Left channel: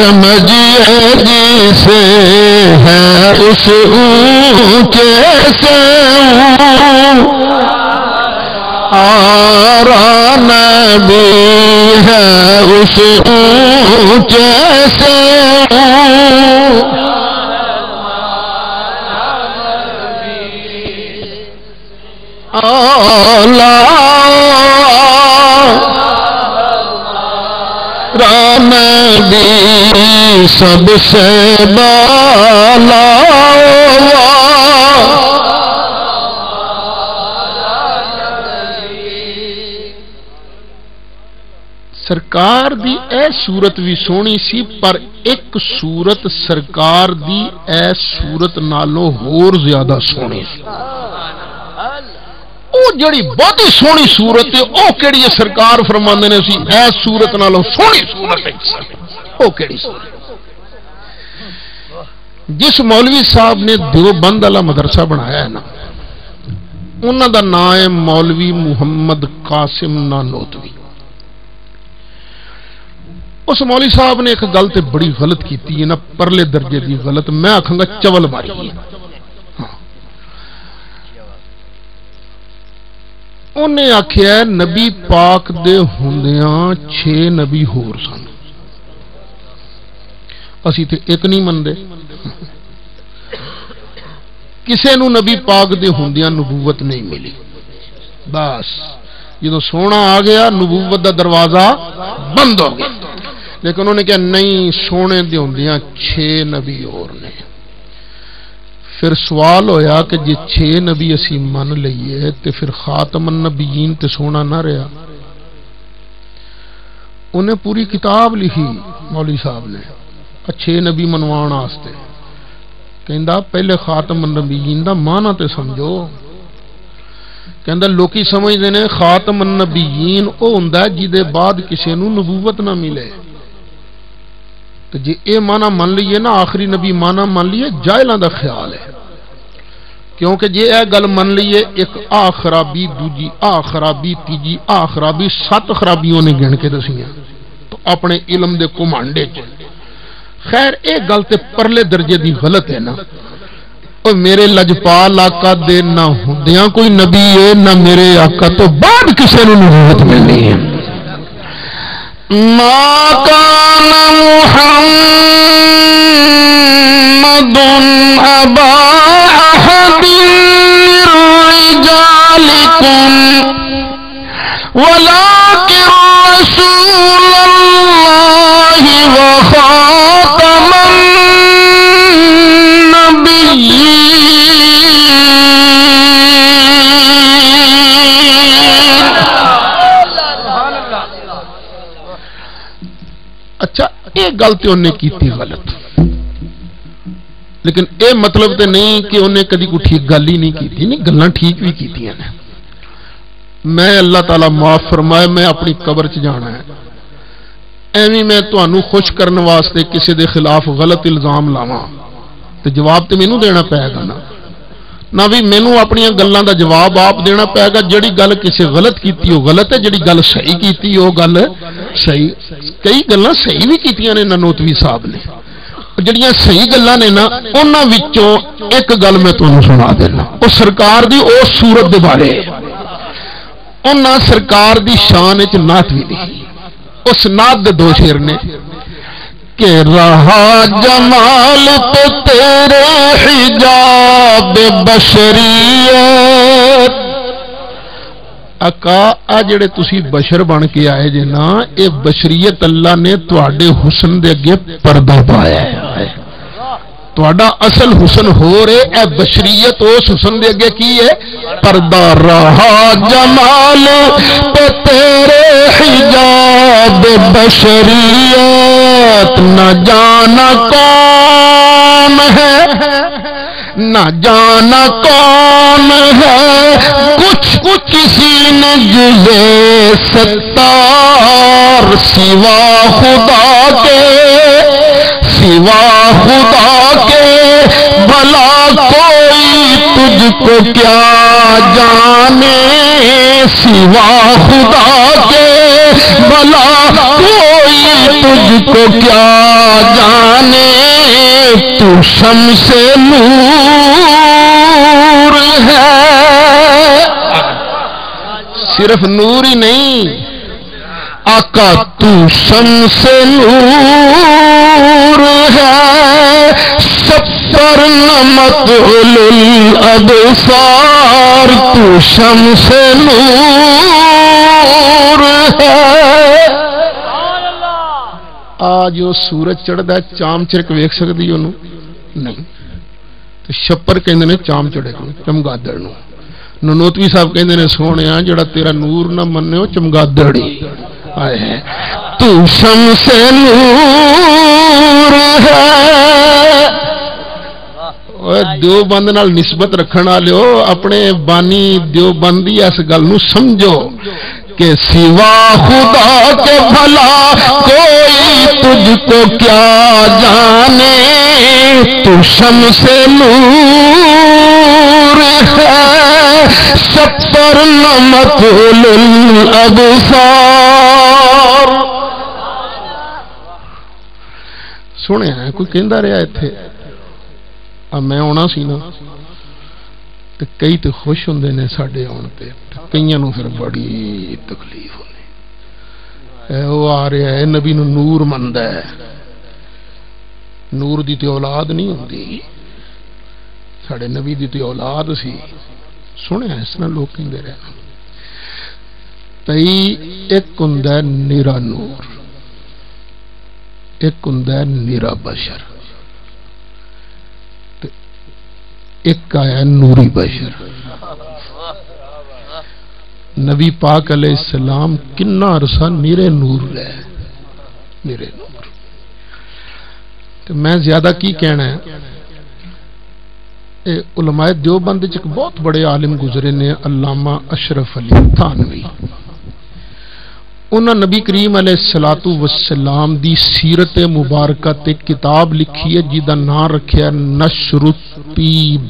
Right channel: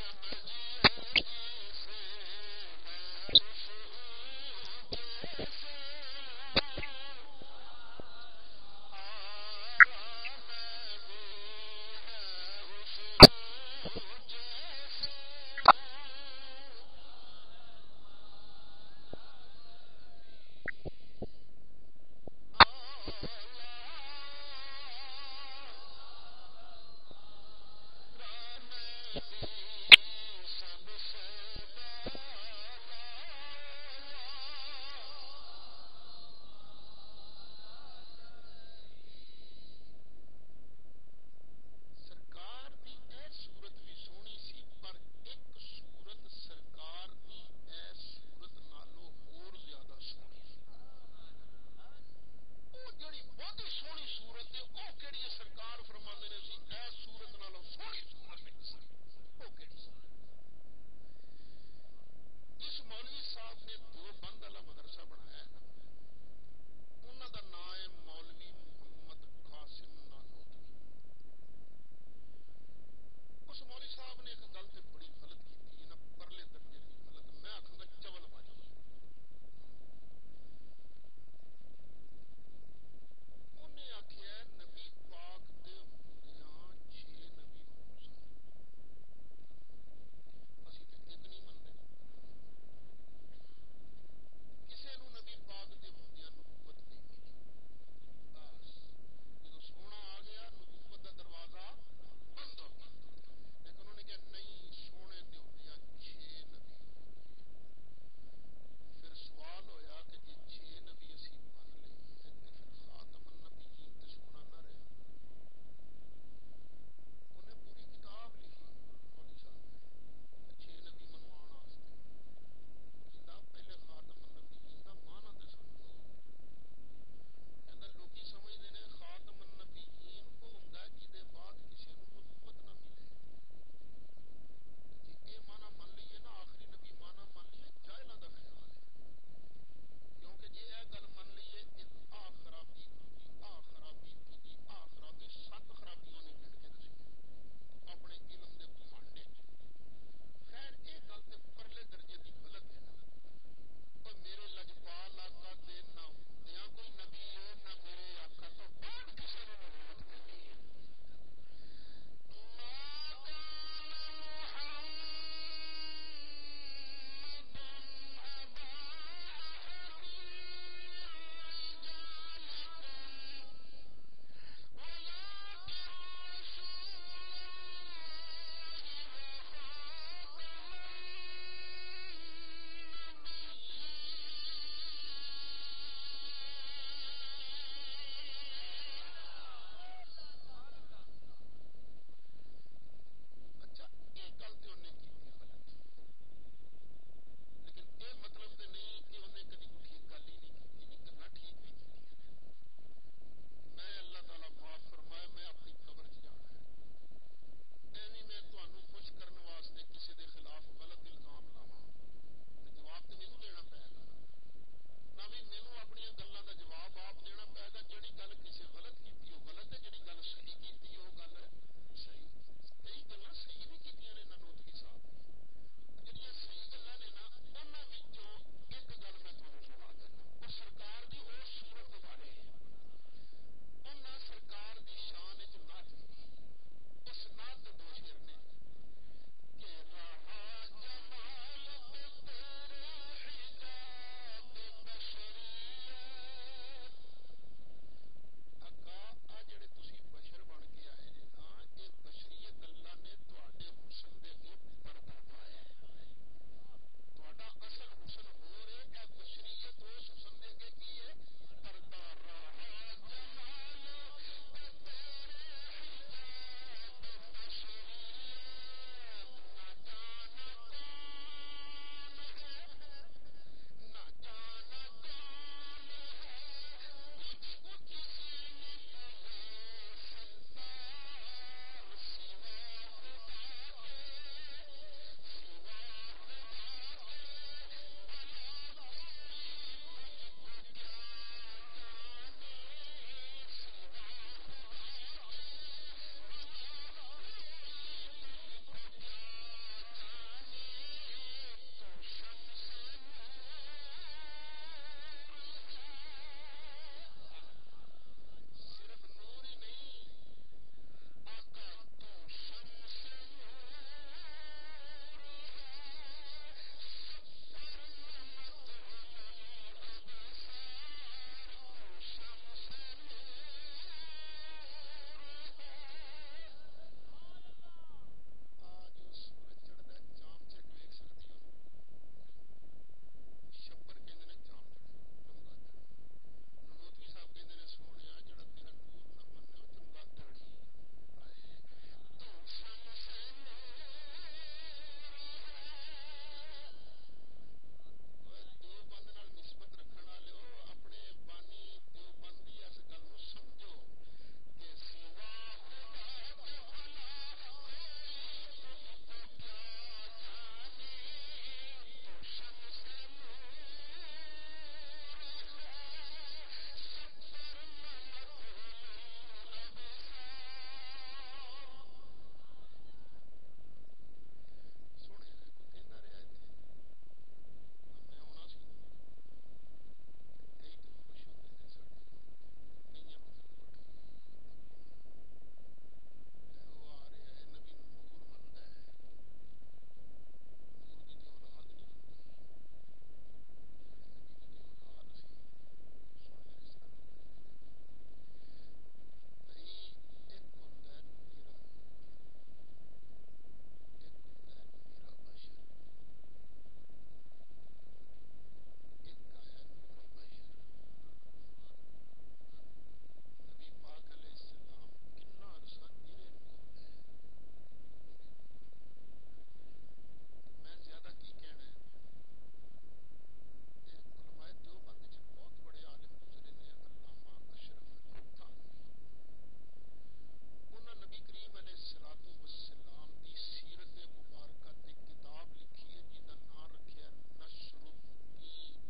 سمجھیے جسے ہے اس اونچے سے آرا نبی ہے اس اونچے سے نبی سب سے بالا سرکار دی اے صورت بھی سونی سی پر ایک صورت سرکار دی اے صورت نالوں ہور زیادہ سونی سی او جڑی بہت سونی صورت ہے او کیڑی سرکار فرماندے نے سی اے صورت نالوں سونی صورت ہے او کیڑی صورت جس مولوی صاحب نے دیوبند والا مدرسہ بنایا ہے نا انہاں دا نام ہے مولوی محمد قاسم نانوتوی اس مولوی صاحب نے ایک گل تے بڑی غلط کیتی ہے نا پرلے درجے دی غلط میں آکھاں گا چول ماری ہے انہیں آکھیا ہے نبی پاک دے ہوندیاں 6 نبی ہور سن اسی تے ایک نہیں مندے کسے نو نبی پاک دے ہوندیاں نبوت نہیں ملی بس جدو سونا آ گیا نبوت دا دروازہ بند ہو گیا لیکن انہوں نے کہا نہیں سونے دے ہوندیاں 6 نبی اور نے پھر سوال ہویا کہ جی 6 نبی اسی من لئیے تے پھر خاتم النبیین تے سونا نہ رہا انہیں پوری کتاب لکھی مولوی صاحب نے 6 نبی منوان آستے کہندہ پہلے خاتم النبیین دا معنی تے سمجھو کہندہ لوکی سمجھ دینے خاتم النبیین او ہندہ جیدے بعد کسی نو نبوت نہ ملے تو جی اے معنی من لیے نا آخری نبی معنی من لیے جائلہ دا خیال ہے کیونکہ جی اے گل من لیے ایک خرابی دوجی خرابی تیجی خرابی 7 خرابیوں نے گن کے دسیاں تو اپنے علم دے کمانڈے چ خیر اے گل تے پرلے درجے دی غلط ہے نا اور میرے لجپال آقا دے نہ ہوندیاں کوئی نبی ہے نہ میرے آقا تو بعد کسے نو نبوت ملنی ہے ما کان محمد ابا احد رجالکم ولکن رسول اللہ وخاتم اچھا یہ گل تو انہیں کی تھی غلط لیکن اے مطلب تے نہیں کہ انہیں کدی کوئی ٹھیک گل ہی نہیں کی تھی نہیں گلاں ٹھیک بھی کی تھی میں اللہ تعالیٰ معاف فرمائے میں اپنی قبر چ جانا ہے ایویں میں تانوں خوش کرنے واسطے کسی دے خلاف غلط الزام لاواں تے جواب تے مینوں دینا پائے گا نہ بھی مینوں اپنی گلاں دا جواب آپ دینا پائے گا جڑی گل کسی غلط کیتی ہو غلط ہے جڑی گل صحیح کیتی ہو گل صحیح کئی گلاں صحیح بھی کیتیاں نے نانوتوی صاحب نے جڑیاں صحیح گلاں نے نا انہاں وچوں ایک گل میں تانوں سنا دینا او سرکار دی او صورت دے بارے انہاں سرکار دی شان وچ نعت بھی لکھی اس نعت دے 2 شعر نے کہ رہا جمال تو تیرے حجاب بشریت آقا جڑے تسی بشر بن کے آئے جے نا اے بشریت اللہ نے تواڈے حسن دے اگے پردہ پایا ہے تواڈا اصل حسن ہو رہے اے بشریت اس حسن دے اگے کی ہے پردہ رہا جمال پہ تیرے حجاب بشریت نہ جانا کون ہے نہ جانا کون ہے کچھ کسی نے جزے ستار سوا خدا کے بھلا کوئی تجھ کو کیا جانے سوا خدا کے بھلا کوئی تجھ کو کیا جانے تو شمس نور ہے. صرف نور ہی نہیں آقا تو شمس نور ہے. سفر نمت الابصار تو شمس نور ہے. آج وہ سورج چڑھتا ہے چام چرک ویکھ سکتی انہوں نہیں تو شپر کہندے نے چام چڑھے کو چمگادڑ نو. ننوتوی صاحب کہندے نے سونے جڑا تیرا نور نہ مننے ہو چمگادڑی آئے ہیں. تو شمس نور ہے. دیوبند نال نسبت رکھن والے اپنے بانی دیوبندی اس گل نو سمجھو کہ سوا خدا کے بھلا کوئی تجھ کو کیا جانے تو شمس نور ہے. سفر نمت الابصار. سنے ہیں کوئی کہندا رہا ایتھے میں آنا سی نا تو کئی تو خوش ہوں نے ساڈے آن پہ کئی نو پھر بڑی تکلیف ہونی. وہ آ رہا ہے نبی نو نور مندا ہے. نور دی تے اولاد نہیں ہوندی ساڈے نبی دی تے اولاد سی. سنے اس طرح لوگ کہندے رہے تئی ایک ہوندا ہے نیرا نور ایک ہوندا ہے نیرا بشر ایک آیا نوری بشر. نبی پاک علیہ السلام کنا عرصہ نیرے نور رہے نیرے نور. تو میں زیادہ کی کہنا ہے علماء دیوبند ایک بہت بڑے عالم گزرے نے علامہ اشرف علی تھانوی. انہاں نبی کریم علیہ السلام دی سیرت مبارکہ تے کتاب لکھی ہے جیدہ نام رکھیا نشر الطیب.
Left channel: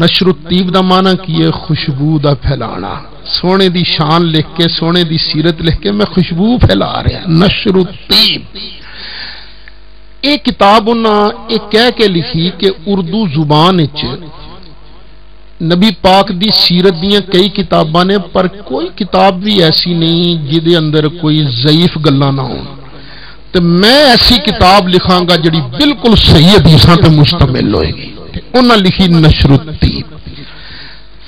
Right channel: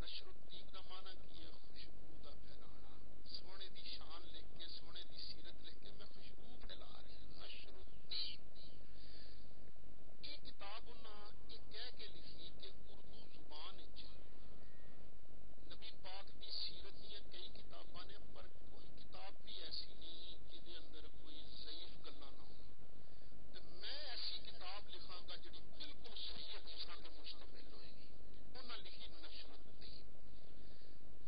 نشر الطیب دا معنی کی ہے خوشبو دا پھیلانا. سونے دی شان لکھ کے سونے دی سیرت لکھ کے میں خوشبو پھیلا رہا. نشر الطیب ایک کتاب انہاں ایک کہہ کے لکھی کہ اردو زبان اچ نبی پاک دی سیرت دیاں کئی کتاباں نے پر کوئی کتاب بھی ایسی نہیں جدے اندر کوئی ضعیف گلاں نہ ہون. تو میں ایسی کتاب لکھاں گا جڑی بالکل صحیح حدیثاں پہ مشتمل ہوئے گی. انہاں لکھی نشر الطیب.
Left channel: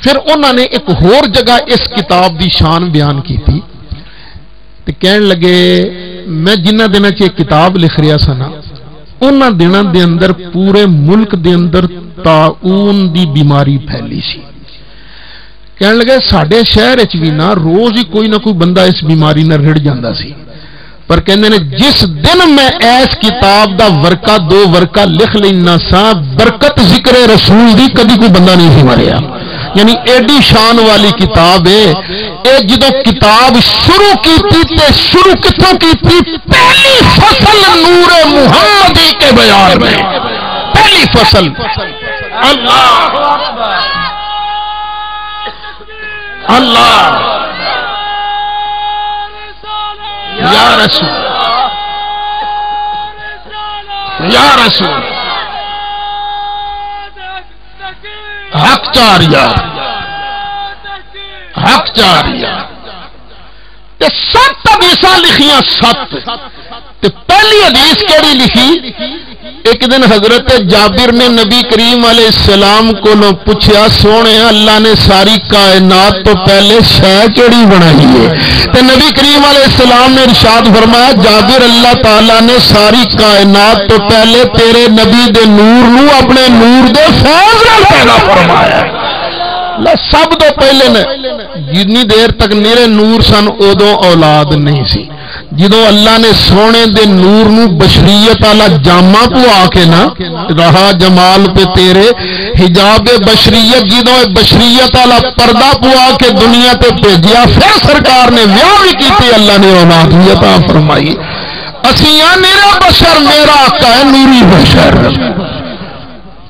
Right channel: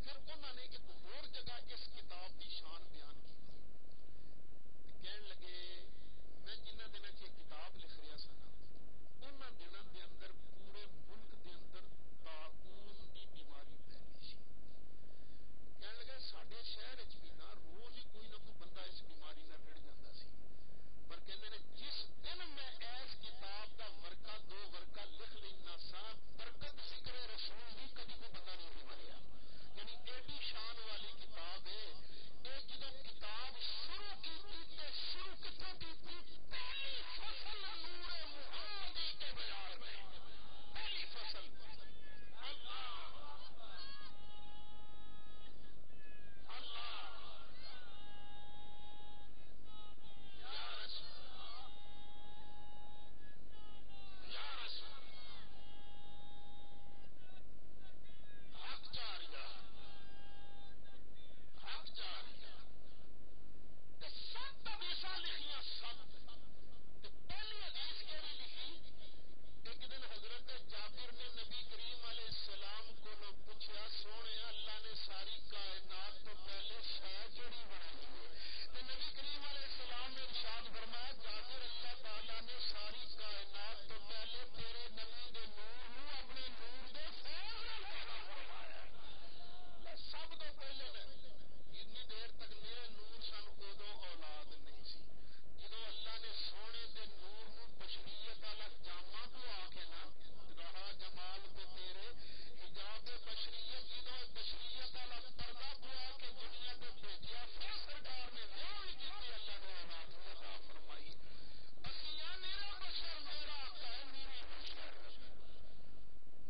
پھر انہاں نے ایک اور جگہ اس کتاب دی شان بیان کی تھی تو کہن لگے میں جنہ دنوں چ کتاب لکھ رہا سا نا انہاں دنوں دے اندر پورے ملک دے اندر طاعون دی بیماری پھیلی سی. کہنے لگے ساڈے شہر وچ بھی نا روز ہی کوئی نہ کوئی بندہ اس بیماری نہ رڑ جاندا سی. پر کہندے نے جس دن میں ایس کتاب دا ورقہ دو ورقہ لکھ لینا سا برکت ذکر رسول دی کدی کوئی بندہ نہیں سی مریا. یعنی ایڈی شان والی کتاب ہے. اے جدو کتاب شروع کی تھی تے شروع کتوں کی تھی پہلی فصل نور محمدی کے بیان میں. پہلی فصل اللہ اللہ یا رسول یا رسول حق چاریا حق چاریا. سات حدیثاں لکھیاں سات. پہلی حدیث کیڑی لکھی ایک دن حضرت جابر نے نبی کریم علیہ السلام کو پوچھا سونے اللہ نے ساری کائنات تو پہلے شے کیڑی بنائی ہے. تو نبی کریم علیہ السلام نے ارشاد فرمایا جابر اللہ تعالیٰ نے ساری کائنات تو پہلے تیرے نبی دے نور نو اپنے نور دے فیض نال پیدا فرمایا. سب تو پہلے نے جتنی دیر تک نیرے نور سن ادو اولاد نہیں سی. جدو اللہ نے سونے دے نور نو بشریت والا جامہ پوا کے نا رہا جمال پہ تیرے حجاب بشریت جدو بشریت والا پردہ پوا کے دنیا تے بھیجیا پھر سرکار نے ویاہ بھی کیتی اللہ نے اولاد بھی عطا فرمائی. اسیاں میرا بشر میرا آقا ہے نوری بشر.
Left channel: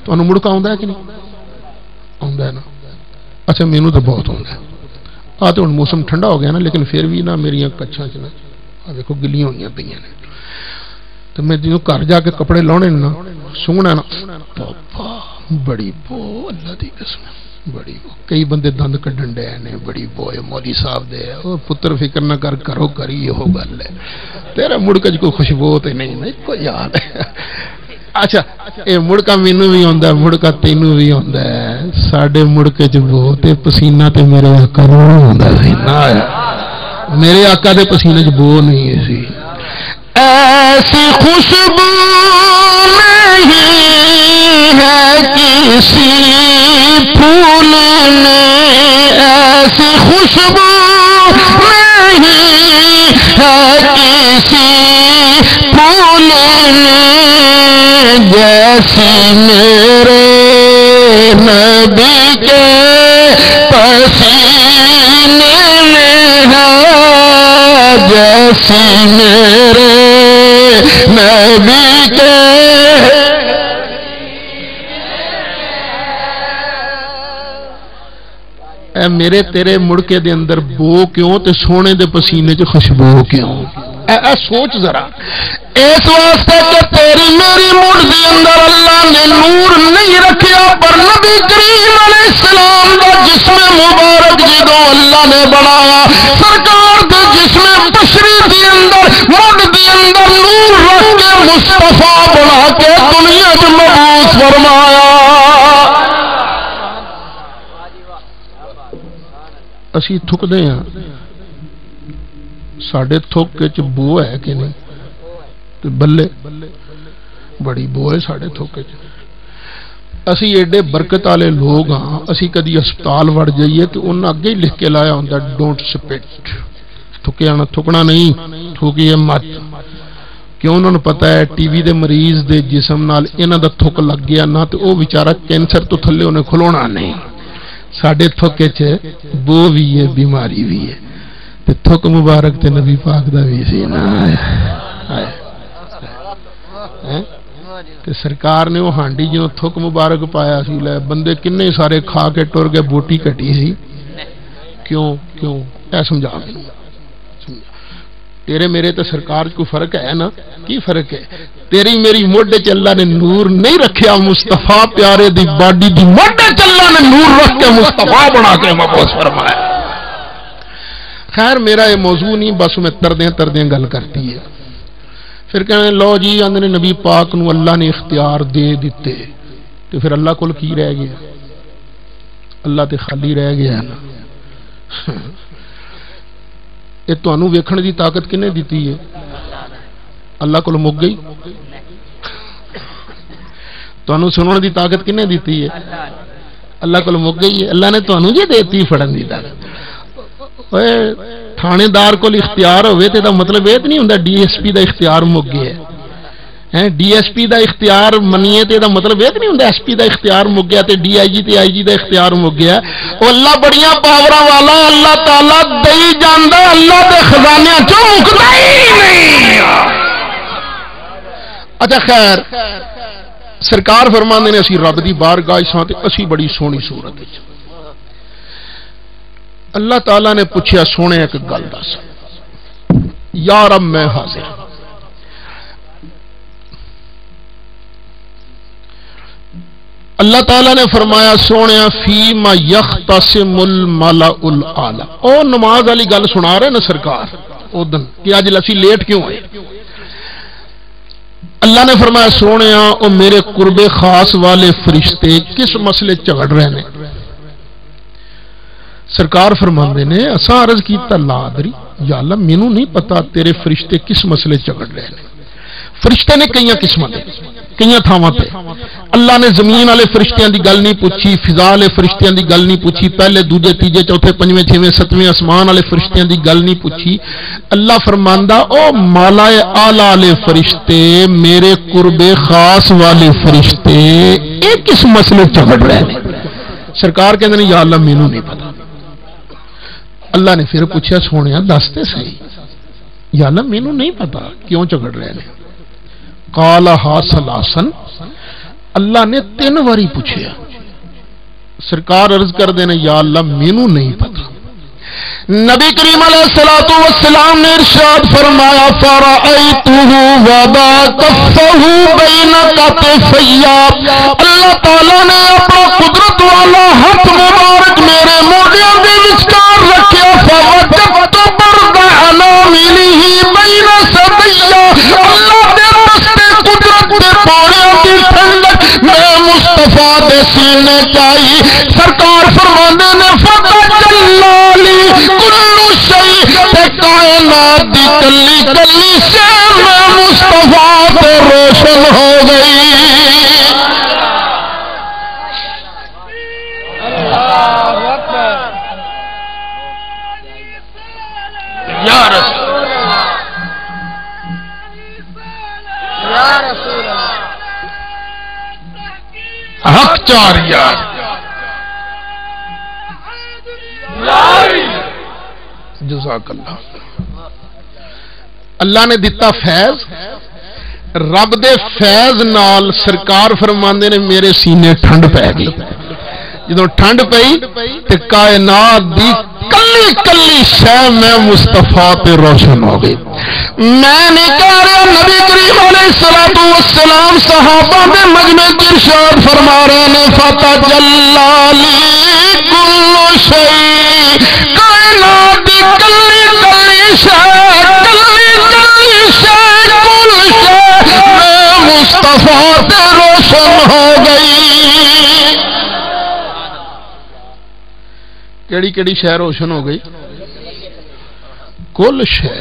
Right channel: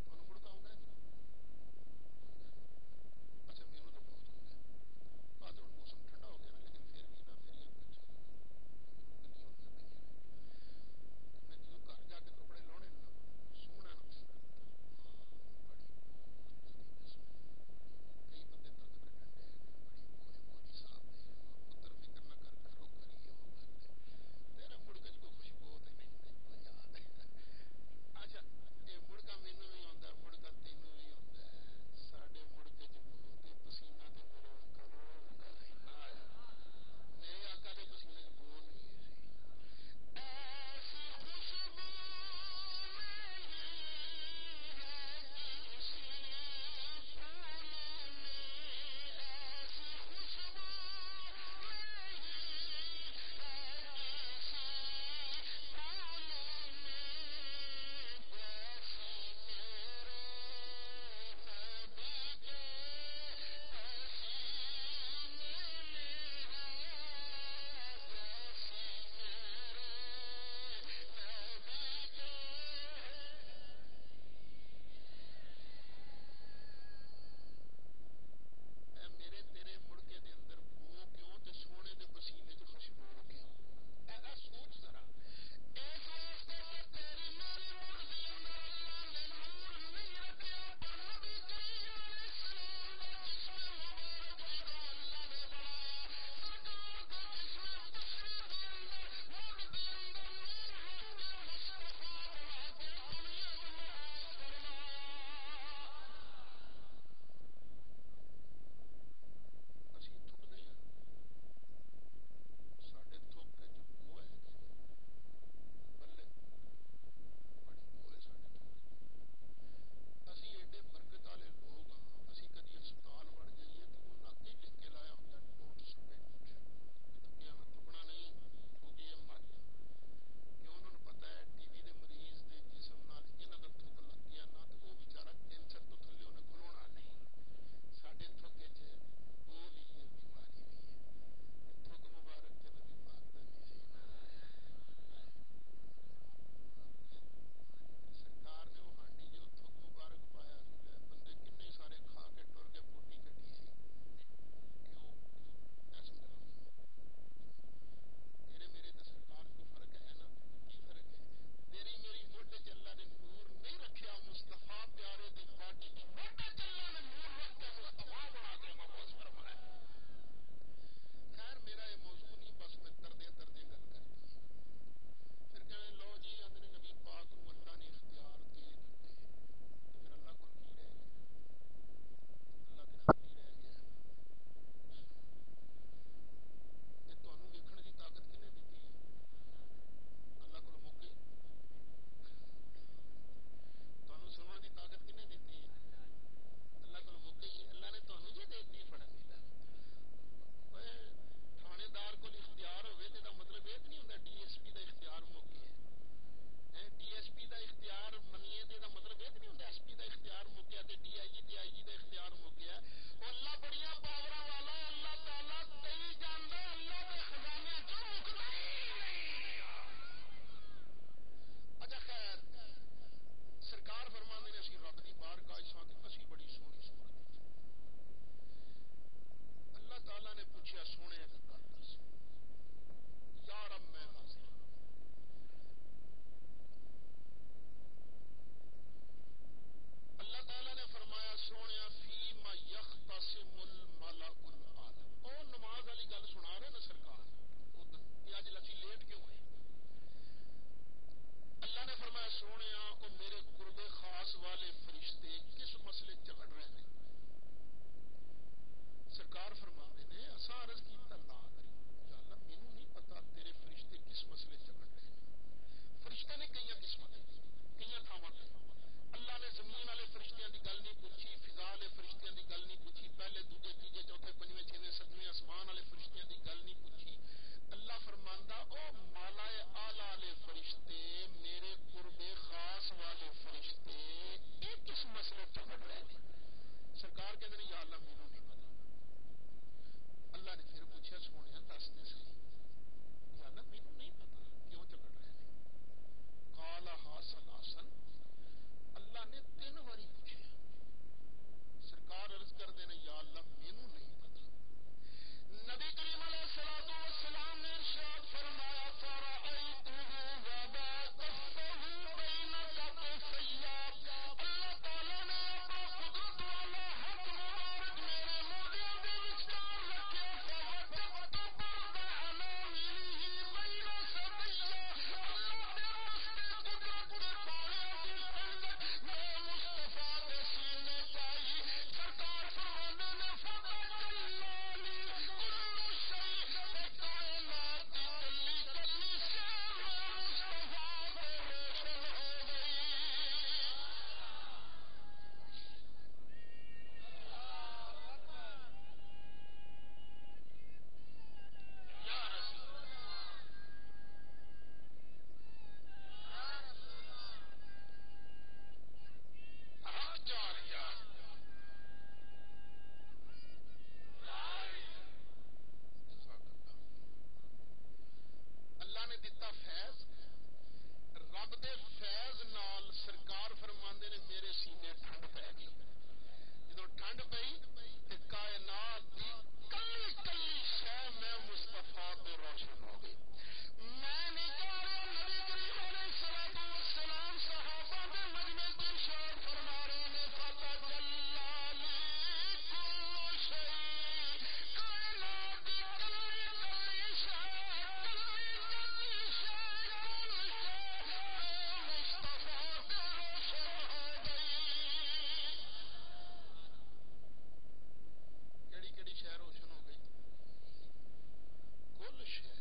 تو انہوں مڑکا ہوندا ہے کہ نہیں ہوندا ہے نا. اچھا مینوں تو بہت ہوندا ہے. آتے ہوں موسم ٹھنڈا ہو گیا نا لیکن پھر بھی نا میری کچھاں چ دیکھو گلیاں ہوئی پہ نے تو میں جنہوں گھر جا کے کپڑے لاؤنے نا سونگنا نا پاپا بڑی بو اللہ دی قسم بڑی بو کئی بندے دند کڈن ڈے نے بڑی بو مودی صاحب دے او پتر فکر نہ کر کرو کری یہ ہو گل ہے تیرا مڑکا کوئی خوشبو تے نہیں کوئی یاد ہے اچھا اے مڑکا مینوں بھی ہوندا ہے مڑکا تینوں بھی ہوندا ہے ساڈے مڑکے چ بو تے پسینہ تے میرے آقا نوں ہوندا سی نا میرے آقا دے پسینے چ بو نہیں سی ایسی خوشبو نہیں ہے کسی پھول میں ایسی خوشبو نہیں ہے کسی پھول میں جیسی میرے نبی کے پسینے میں ہے جیسی میرے نبی کے اے میرے تیرے مڑکے دے اندر بو کیوں تے سونے دے پسینے چ خوشبو کیوں اے سوچ ذرا اس واسطے کہ تیری میری مڑ دے اندر اللہ نے نور نہیں رکھیا پر نبی کریم علیہ السلام دا جسم مبارک جدوں اللہ نے بنایا سرکار دے جسم بشری دے اندر مڑ دے اندر نور رکھ کے مصطفیٰ بنا کے دنیا وچ مبعوث فرمایا اسی تھک دے ہاں ساڑھے تھک کے بو ہے کہ نہیں تو بلے بڑی بو ہے ساڑھے تھک کے اسی ایڈے برکت والے لوگ ہاں اسی کدی ہسپتال وڑ جائیے تو انہاں اگے ہی لکھ کے لایا ہوندا ڈونٹ سپٹ تھکیا تھکنا نہیں تھوکیے مت کیوں انہوں نے پتا ہے ٹی وی دے مریض دے جسم نال انہاں دا تھک لگ گیا نہ تو وہ بیچارہ کینسر تو تھلے انہیں کھلونا نہیں ساڑھے تھوکے چے بو بھی ہے بیماری بھی ہے تے تھوک مبارک تے نبی پاک دا بھی سی نا تے سرکار نے وہ ہانڈی جو تھوک مبارک پایا سی لے بندے کنے سارے کھا کے ٹر گئے بوٹی کٹی سی کیوں اے سمجھا مینوں تیرے میرے تے سرکار کو فرق ہے نا کی فرق ہے تیری میری موڈے چ اللہ نے نور نہیں رکھیا مصطفیٰ پیارے دی باڈی دی موڈے چ اللہ نے نور رکھ کے مصطفیٰ بنا کے مبعوث فرمایا خیر میرا یہ موضوع نہیں بس میں تردیں گل کرتی ہے پھر کہنے لو جی آندے نبی پاک نو اللہ نے اختیار دے دیتے تو پھر اللہ کول کی رہ گیا اللہ تے خالی رہ گیا نا یہ تانوں ویکھن دی طاقت کنے دیتی ہے اللہ کول مک گئی تانوں سنن دی طاقت کنے دیتی ہے اللہ کول مک گئی ہے اللہ نے تانوں جی دیتی پھڑن دی طاقت اوے تھانے دار کول اختیار ہوئے تے دا مطلب یہ نہیں ہوندا ڈی ایس پی دا اختیار مک گیا ہے ڈی ایس پی دا اختیار منیے تے دا مطلب یہ نہیں ہوندا ایس پی دا اختیار مک گیا تے ڈی آئی جی تے آئی جی دا اختیار مک گیا او اللہ بڑیاں پاوراں والا اللہ تعالی دئی جاندا اللہ دے خزانے چوں مکدا ہی نہیں اچھا خیر سرکار فرماندے نے اسی رب دی بارگاہ ساں تے اسی بڑی سونی صورت وچ اللہ تعالیٰ نے پوچھا سونے ایک گل دس یا رب میں حاضر اللہ تعالیٰ نے فرمایا سونے فی ما یختصم الملأ الاعلی او نماز والی گل سنا رہے نا سرکار او دن کہ اج اسی لیٹ کیوں آئے اللہ نے فرمایا سونے او میرے قرب خاص والے فرشتے کس مسئلے جھگڑ رہے ہیں سرکار فرماندے نے اساں عرض کیتا لا ادری یا اللہ مینوں نہیں پتا تیرے فرشتے کس مسئلے جھگڑ رہے ہیں فرشتے نے کئی قسماں دے کئی تھاواں تے اللہ نے زمین والے فرشتیاں دی گل نہیں پوچھی فضا والے فرشتیاں دی گل نہیں پوچھی پہلے دوجے تیجے چوتھے پنجویں چھویں ستویں آسمان والے فرشتیاں دی گل نہیں پوچھی اللہ فرماندا او مالائے اعلی والے فرشتے میرے قرب خاص والے فرشتے اے کس مسئلے جھگڑ رہے ہیں سرکار کہندے نے یا اللہ مینوں نہیں پتا اللہ نے پھر پوچھا سونے دستے صحیح یا اللہ مینوں نہیں پتا کیوں جھگڑ رہے ہیں قالہا ثلاثن اللہ نے 3 واری پوچھا سرکار عرض کر دینے یا اللہ مینوں نہیں پتا نبی کریم علیہ الصلوۃ والسلام نے ارشاد فرمایا فرأیتہ وضع کفہ بین کتفی، اللہ تعالی نے اپنا قدرت والا ہاتھ مبارک میرے موڈیاں دے وچکار رکھیا، فوجدت برد اناملہ بین صدی، اللہ دے دستے قدرت دے پاڑیاں دی ٹھنڈک میں مصطفیٰ دے سینے چائی۔ سرکار فرماندے نے فتجلی کل شیء، کائنات دی کلی کلی شے میں مصطفیٰ پہ روشن ہو گئی۔ یا رسول حق چار یار جزاک اللہ۔ اللہ نے دیتا فیض، رب دے فیض نال سرکار فرماندے نے میرے سینے ٹھنڈ پہ گئی۔ جدوں ٹھنڈ پئی تے کائنات دی کلی کلی شے میں مصطفیٰ پہ روشن ہو گئی۔ میں نے کہہ رہا نبی کریم علیہ الصلوۃ والسلام صحابہ دے مجمع کی ارشاد فرما رہے نے فتجلی کل شیء، کائنات دی کلی کلی شے، کلی کلی شے، کل شے میں مصطفیٰ پہ روشن ہو گئی۔ کیڑی کیڑی شے روشن ہو گئی؟ کل شے۔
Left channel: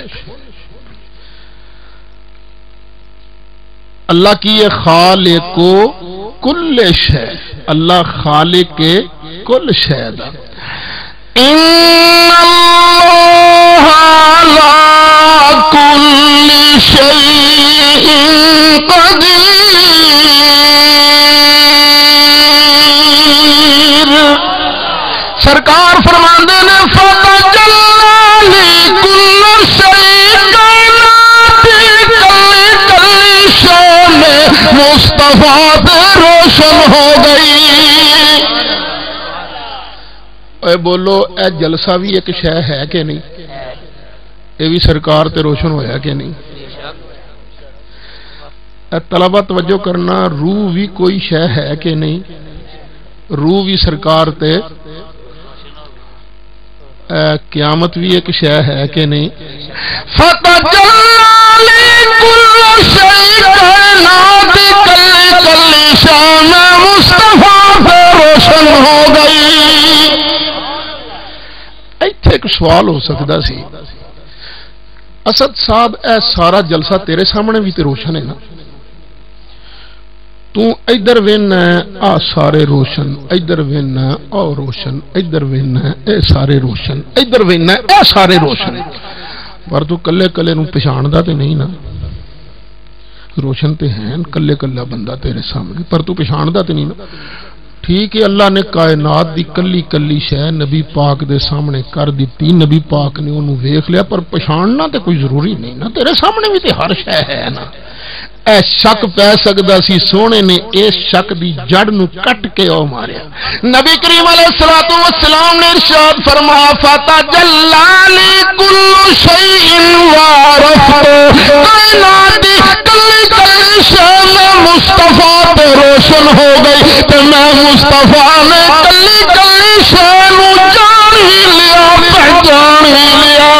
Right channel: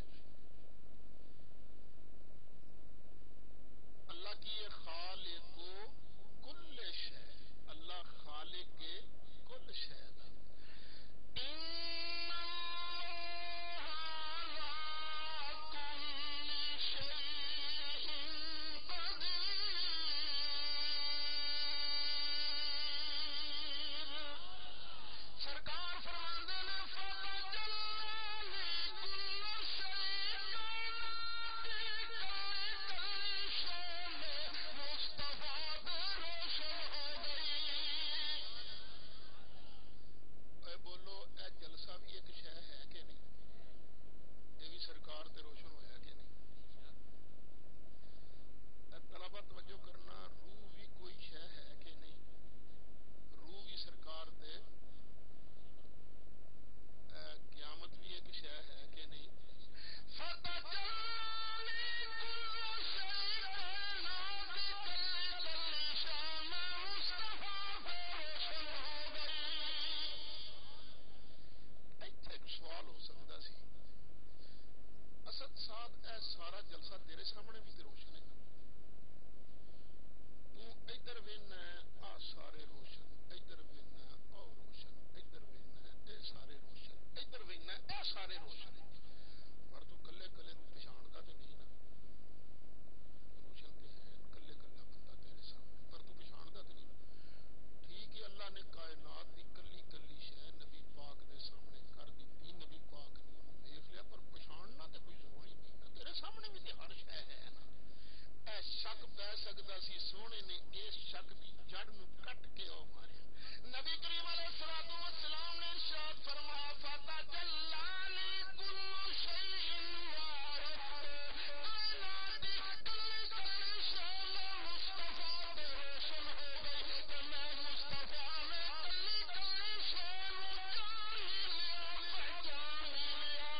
اللہ کی یہ خالق کل شے، اللہ خالق کل شے دا۔ ان اللہ علی کل شیء قدیر، سرکار فرماندے نے فتجلی کل شیء، کائنات کلی کلی شے میں مصطفیٰ پہ روشن ہو گئی۔ اے بولو اے جلسہ بھی ایک شے ہے کہ نہیں؟ اے بھی سرکار تے روشن ہویا کہ نہیں؟ اے طلبہ توجہ کرنا، روح بھی کوئی شے ہے کہ نہیں؟ روح بھی سرکار تے، قیامت بھی ایک شے ہے کہ نہیں؟ فتجلی کل شیء، کائنات کلی کلی شے میں مصطفیٰ پہ روشن ہو گئی۔ ایتھے ایک سوال ہو سکتا سی، اسد صاحب اے سارا جلسہ تیرے سامنے بھی تے روشن ہے نا، تو ادھر وین آ سارے روشن، ادھر وین آ روشن، ادھر وین اے سارے روشن، ادھر وین اے سارے روشن، پر تو کلے کلے نو پہچاندا تے نہیں نا؟ روشن تے ہیں کلے کلا بندہ تیرے سامنے، پر تو پہچاندا تے نہیں نا؟ ٹھیک ہے، اللہ نے کائنات دی کلی کلی شے نبی پاک دے سامنے کر دیتی، نبی پاک نے انہوں ویکھ لیا، پر پہچاننا تے کوئی ضروری نہیں نا، تیرے سامنے بھی تے ہر شے ہے نا۔ اے شک پہ سکدا سی، سونے نے اس شک دی جڑ نو کٹ کے او ماریا۔ نبی کریم علیہ الصلوۃ والسلام نے ارشاد فرمایا فتجلی کل شیء وعرفت، کائنات دی کلی کلی شے میں مصطفیٰ پہ روشن ہو گئی، تے میں مصطفیٰ نے کلی کلی شے نو جان ہی لیا، پہچان ہی لیا۔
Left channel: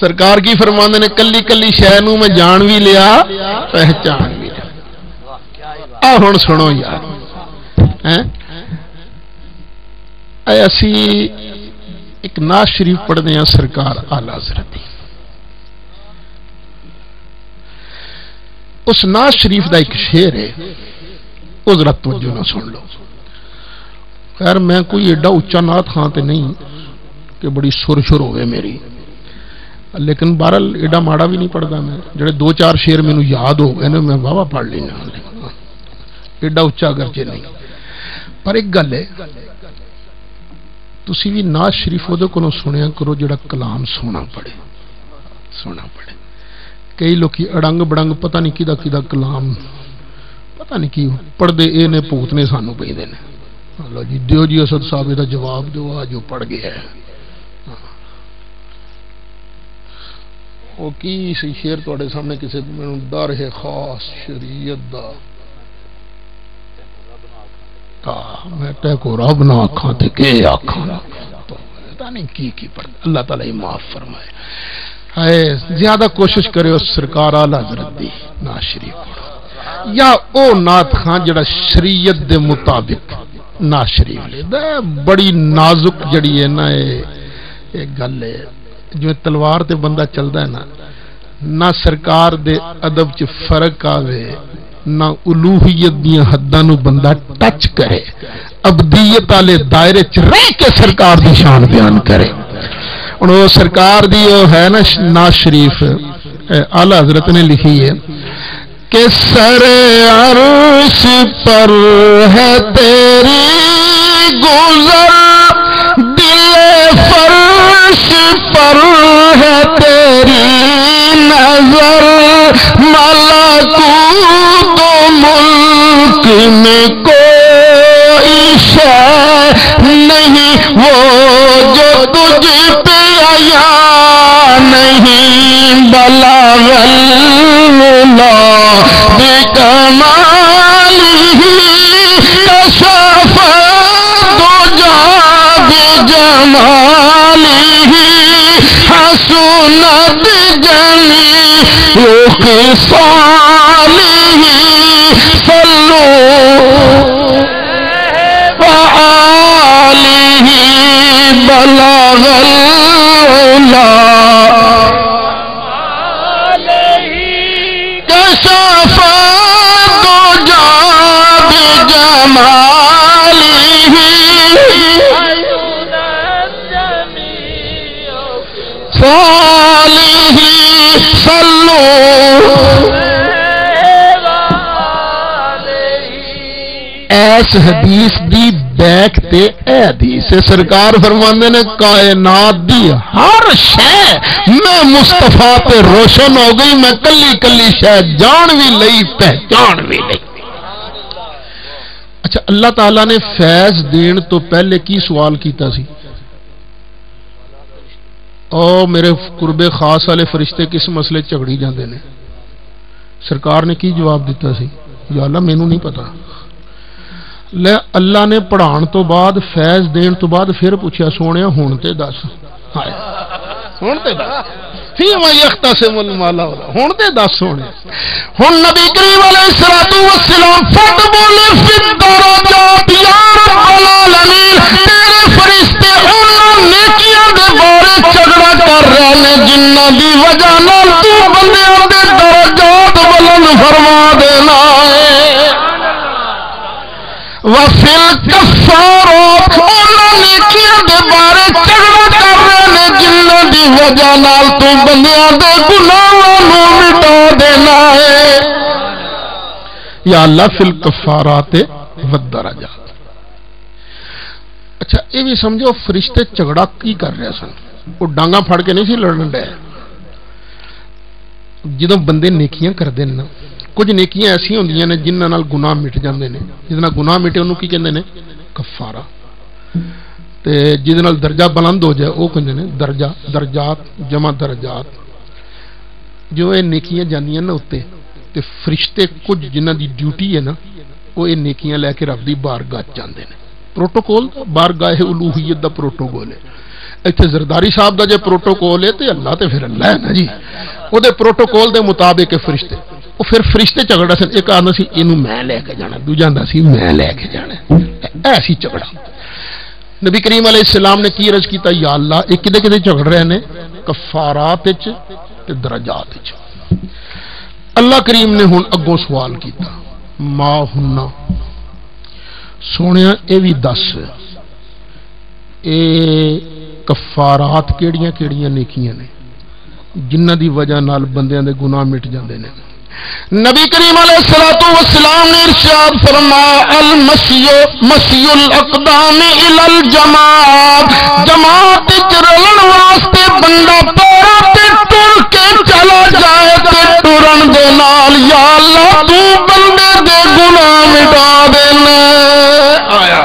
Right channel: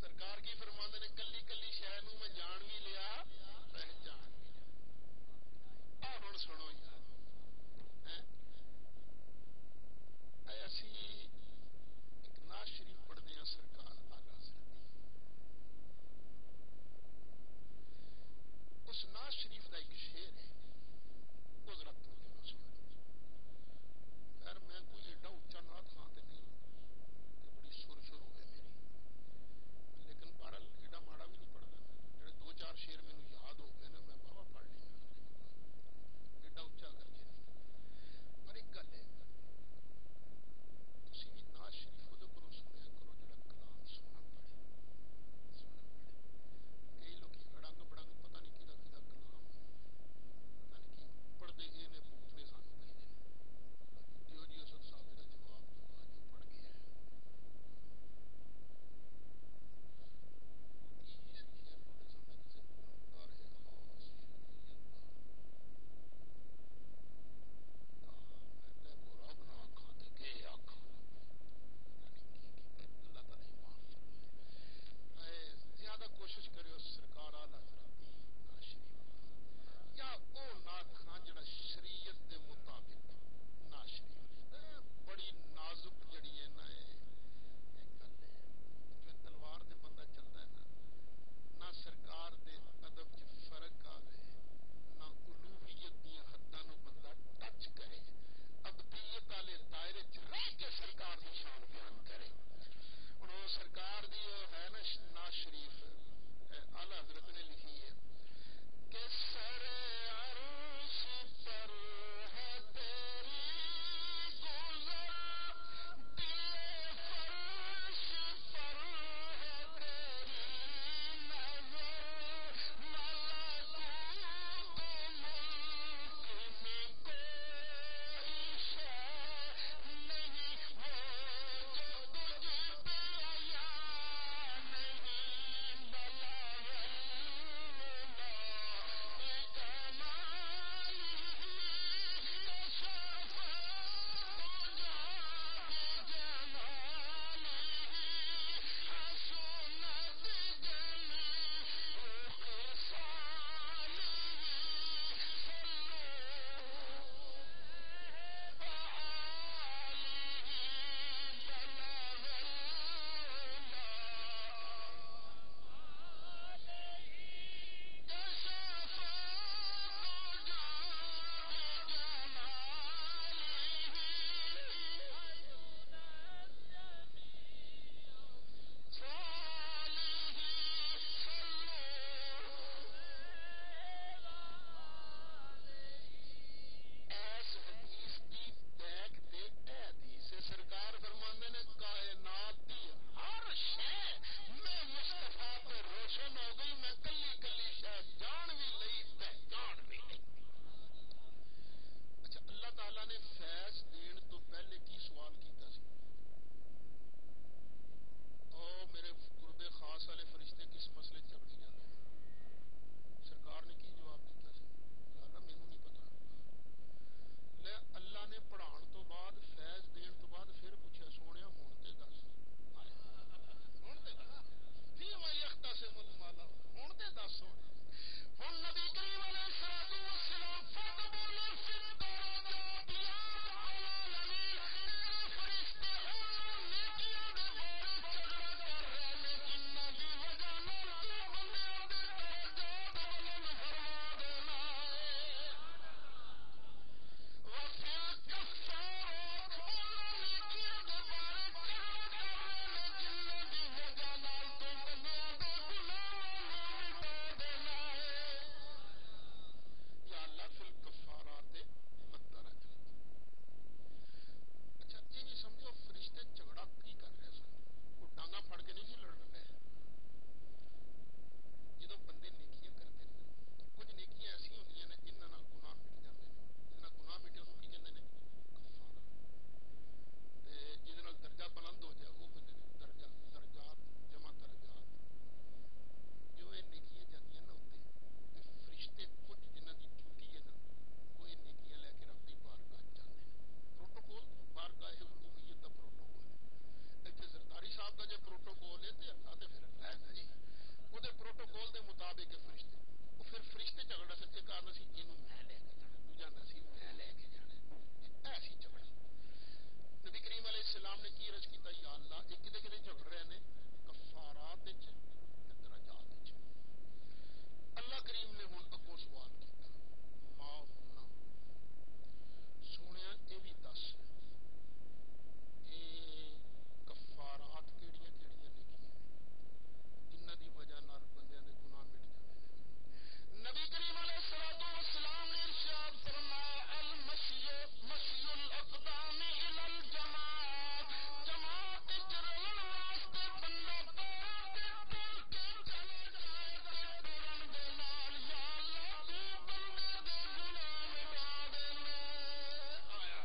سرکار کی فرماندے نے کلی کلی شے نو میں جان بھی لیا، پہچان بھی لیا۔ آ ہن سنو یار، اے اسی ایک نعت شریف پڑھتے ہیں سرکار آلہ حضرت دی، اس نعت شریف دا ایک شعر ہے، وہ ذرا توجہ نہ سن لو۔ خیر میں کوئی ایڈا اچا نعت خاں تے نہیں کہ بڑی سر شر ہوئے میری، لیکن بہرحال ایڈا ماڑا بھی نہیں پڑھتا میں، جڑے دو چار شعر مینوں یاد ہو گئے نے میں واہ پڑھ لینا، ایڈا اچا گرجے نہیں۔ پر ایک گل ہے، تسی بھی نعت شریف وہ کو سنیا کرو جڑا کلام سونا پڑے، سونا پڑے۔ کئی لوکی اڑنگ بڑنگ پتہ نہیں کدا کدا کلام پتہ نہیں کی پڑھتے اے نے پوتنے سانو پہ دے، لو جی دیو جی اسد صاحب کا جواب دو جو پڑھ گیا ہے وہ کی سی شیر تواڈے سامنے کسی مینوں ڈر ہے خاص شریعت دا میں تے کو رب نہ آکھاں تے کہ آکھاں پتہ نہیں کی پڑھ اللہ تعالی معاف فرمائے ہے زیادہ کوشش کرے اس سرکار اعلی حضرت دی نعت شریف پڑھو یا او نعت خان جڑا شریعت دے مطابق نعت شریف لے بڑی نازک جڑی ہے نا یہ گل ہے جو تلوار تے بندہ چلدا ہے نا نہ سرکار دے ادب چ فرق آوے نہ الوہیت دیاں حداں نو بندہ ٹچ کرے ابدیت والے دائرے چ رہ کے سرکار دی شان بیان کرے ہن وہ سرکار دی وہ ہے نا نعت شریف اعلی حضرت نے لکھی ہے کہ سر عرش پر ہے تیری گزر دل فرش پر ہے تیری نظر ملکوت و ملک میں کوئی شے نہیں وہ جو تجھ پہ عیاں نہیں بلاغ اللہ بکمالہ کشف الدجی بجمالہ حسنت جمیع خصالہ صلوا وآلہ بلغ العلا کشف الدجی بجمالہ صالح صلوا ایس حدیث دی بیک تے اے حدیث سرکار فرماندے نے کائنات دی ہر شے میں مصطفیٰ تے روشن ہو گئی میں کلی کلی شے جان بھی لئی پہچان بھی لئی اچھا اللہ تعالیٰ نے فیض دین تو پہلے کی سوال کیتا سی او میرے قرب خاص والے فرشتے کس مسئلے جھگڑی جاندے نے سرکار نے کی جواب دیتا سی یا اللہ مینوں نہیں پتا لے اللہ نے پڑھان تو بعد فیض دین تو بعد پھر پوچھا سونے ہون تے دس ہون تے دس فیما یختصم المالا ہون تے دس سونے ہن نبی کریم علیہ الصلوۃ والسلام فتبول فی الدرجات یا رب العالمین تیرے فرشتے انہاں نیکیاں دے بارے جھگڑا کر رہے نے جنہاں دی وجہ نال تو بندیاں دے درجات بلند فرما دینا ہے وفی الکفارات انہاں نیکیاں دے بارے جھگڑا کر رہے نے جنہاں دی وجہ نال تو بندیاں دے گناہاں نوں مٹا دینا ہے یا اللہ فی الکفارات والدرجات اچھا یہ بھی سمجھو فرشتے جھگڑا کی کر رہے سن وہ ڈانگا پھڑ کے نہیں سی لڑن ڈے جدوں بندے نیکیاں کردے نا کچھ نیکیاں ایسی ہوندیاں نے جنہاں نال گناہ مٹ جاندے نے جس نال گناہ مٹے انہوں کی کہندے نے کفارہ تے جس نال درجہ بلند ہو جائے وہ کہندے نے درجہ درجات جمع درجات جو یہ نیکیاں جاندیاں نا اوتے تے فرشتے کچھ جنہاں دی ڈیوٹی ہے نا وہ یہ نیکیاں لے کے رب دی بارگاہ جاندے نے پروٹوکول بارگاہ الوہیت دا پروٹوکول ہے ایتھے زرداری صاحب دا جے پروٹوکول ہے تے اللہ تے پھر اللہ ہے نا جی او دے پروٹوکول دے مطابق فرشتے وہ پھر فرشتے جھگڑا سن ایک آندا سی اینو میں لے کے جانا دوجا آندا سی میں لے کے جانا ایسی جھگڑا نبی کریم علیہ السلام نے کی عرض کیتا یا اللہ یہ کدے کدے جھگڑ رہے نے کفارات وچ تے درجات وچ اللہ کریم نے ہن اگوں سوال کیتا ما ہننا سونیا اے وی دس اے کفارات کیڑیاں کیڑیاں نیکیاں نے جنہاں دی وجہ نال بندیاں دے گناہ مٹ جاندے نے نبی کریم علیہ الصلوۃ والسلام نے ارشاد فرمایا المسیح مسیح الاقدام الی الجماعت جماعت وچ رلن واسطے بندہ پیراں تے ٹر کے چلا جائے تے ٹرن دے نال یا اللہ تو بندے دے گناہ مٹا دینا آیا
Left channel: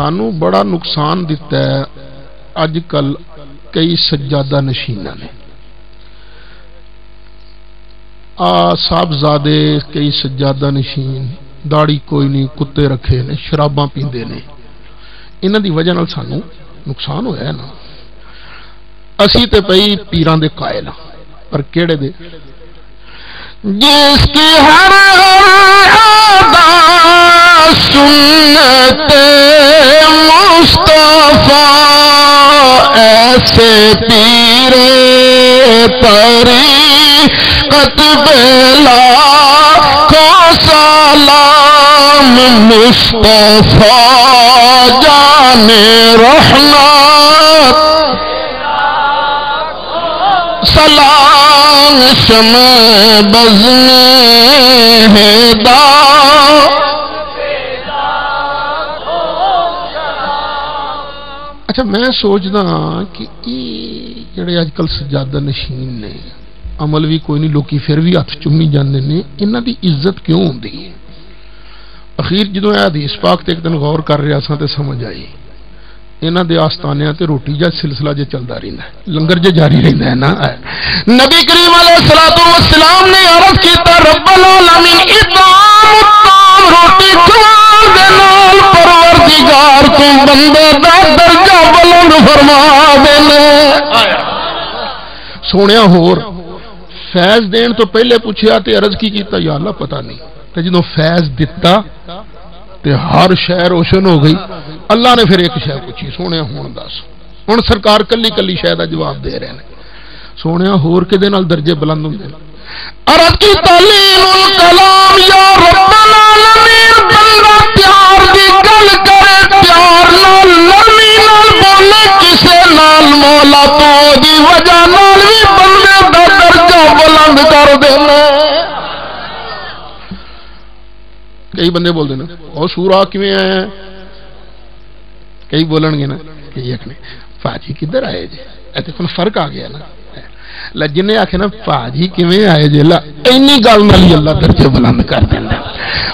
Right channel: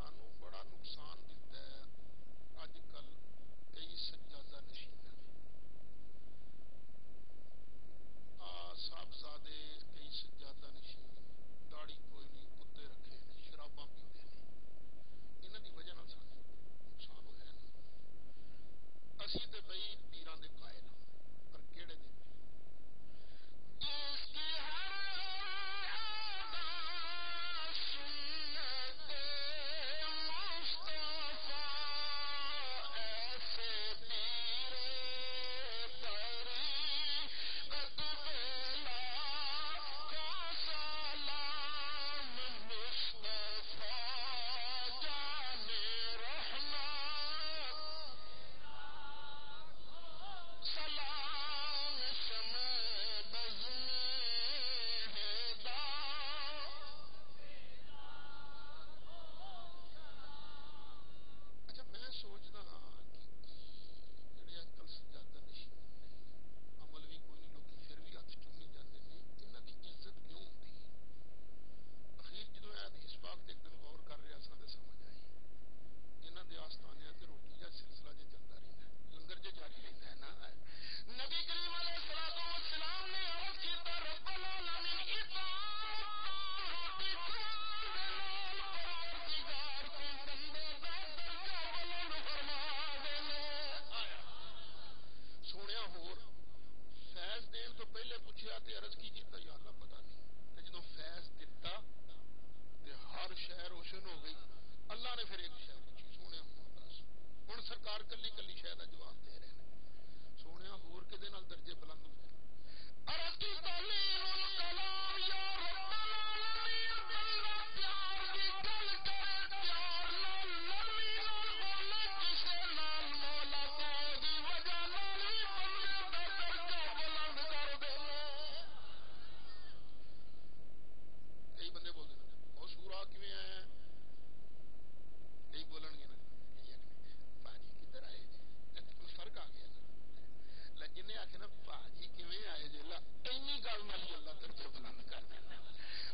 سانو بڑا نقصان دیتا ہے اج کل کئی سجادہ نشینہ نے صاحبزادے کئی سجادہ نشین داڑھی کوئی نہیں کتے رکھے نے شراباں پیندے نے انہاں دی وجہ نال سانو نقصان ہویا ہے نا اسی تے پئی پیران دے قائل پر کیڑے دے جس کی ہر ادا سنت مصطفیٰ ایسے پیر طریقت بلا کو سلام مصطفیٰ جان رحمت سلام شمع بزم ہدا اچھا میں سوچدا کہ یہ جڑے اج کل سجادہ نشین نے عمل بھی کوئی نہیں لوکی پھر بھی ہاتھ چومی جاندے نے انہاں دی عزت کیوں ہوندی ہے اخیر جدوں اے حدیث پاک تے ایک دن غور کر رہا سا تے سمجھ آئی انہاں دے آستانیاں تے روٹی جا سلسلہ جے چلدا رہندا ہے لنگر جے جاری رہندا ہے نا نبی کریم علیہ الصلوۃ والسلام نے عرض کیتا رب العالمین اطعام الطعام روٹی کھوال دے نال پروردگار تو بندے دا درجہ بلند فرما دینے سونیا ہور فیض دین تو پہلے پوچھیا تے عرض کی کیتا یا اللہ پتہ نہیں تے جدوں فیض دتا تے ہر شے روشن ہو گئی اللہ نے پھر ایک شے پوچھی سونیا ہون دس ہن سرکار کلی کلی شے دا جواب دے رہے ہیں سونیا ہور کدے نال درجے بلند ہوندے عرض کی تعلیم الکلام یا رب العالمین بندہ پیار دی گل کرے پیار نال نرمی نال بولے کسے نال مولا تو دی وجہ نال بھی بندے دا درجہ بلند کر دینا کئی بندے بول دینا او سورا کیویں آیا کئی بولن گے نا کہ ایک نے پاجی کدھر آئے جی اے تے فرق آ گیا نا جن آخ نا پاجی کیویں آئے جی اینی گل نال اللہ درجے بلند کر دینا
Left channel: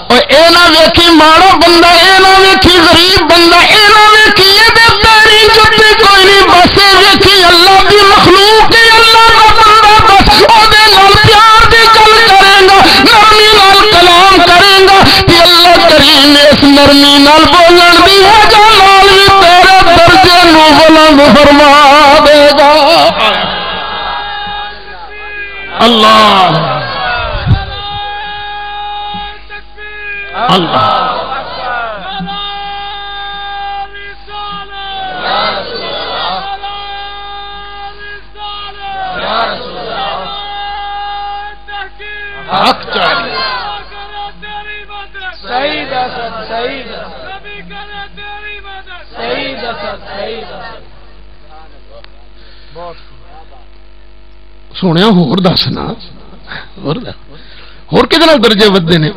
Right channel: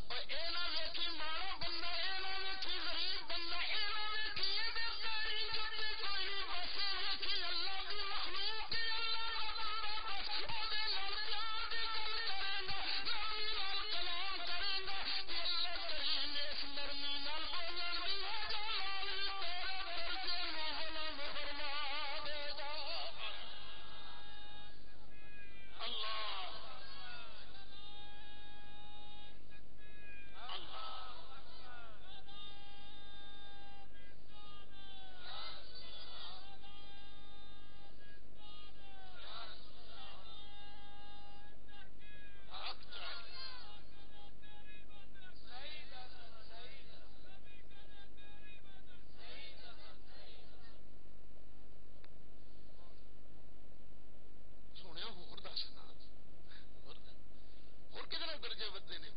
اور اے نہ ویکھی ماڑا بندہ اے نہ ویکھی غریب بندہ اے نہ ویکھی اے دے پیری جُتی کوئی نہیں بس ویکھی اللہ دی مخلوق ہے اللہ دا بندہ بس او دے نال پیار دی گل کرے گا نرمی نال کلام کرے گا کہ اللہ کریم اس نرمی نال بولن دی وجہ نال بھی تیرے درجے نو بلند فرما دے گا اللہ اللہ حق چاہیے سونے ہور دسنا ہور کدے درجے ودے نے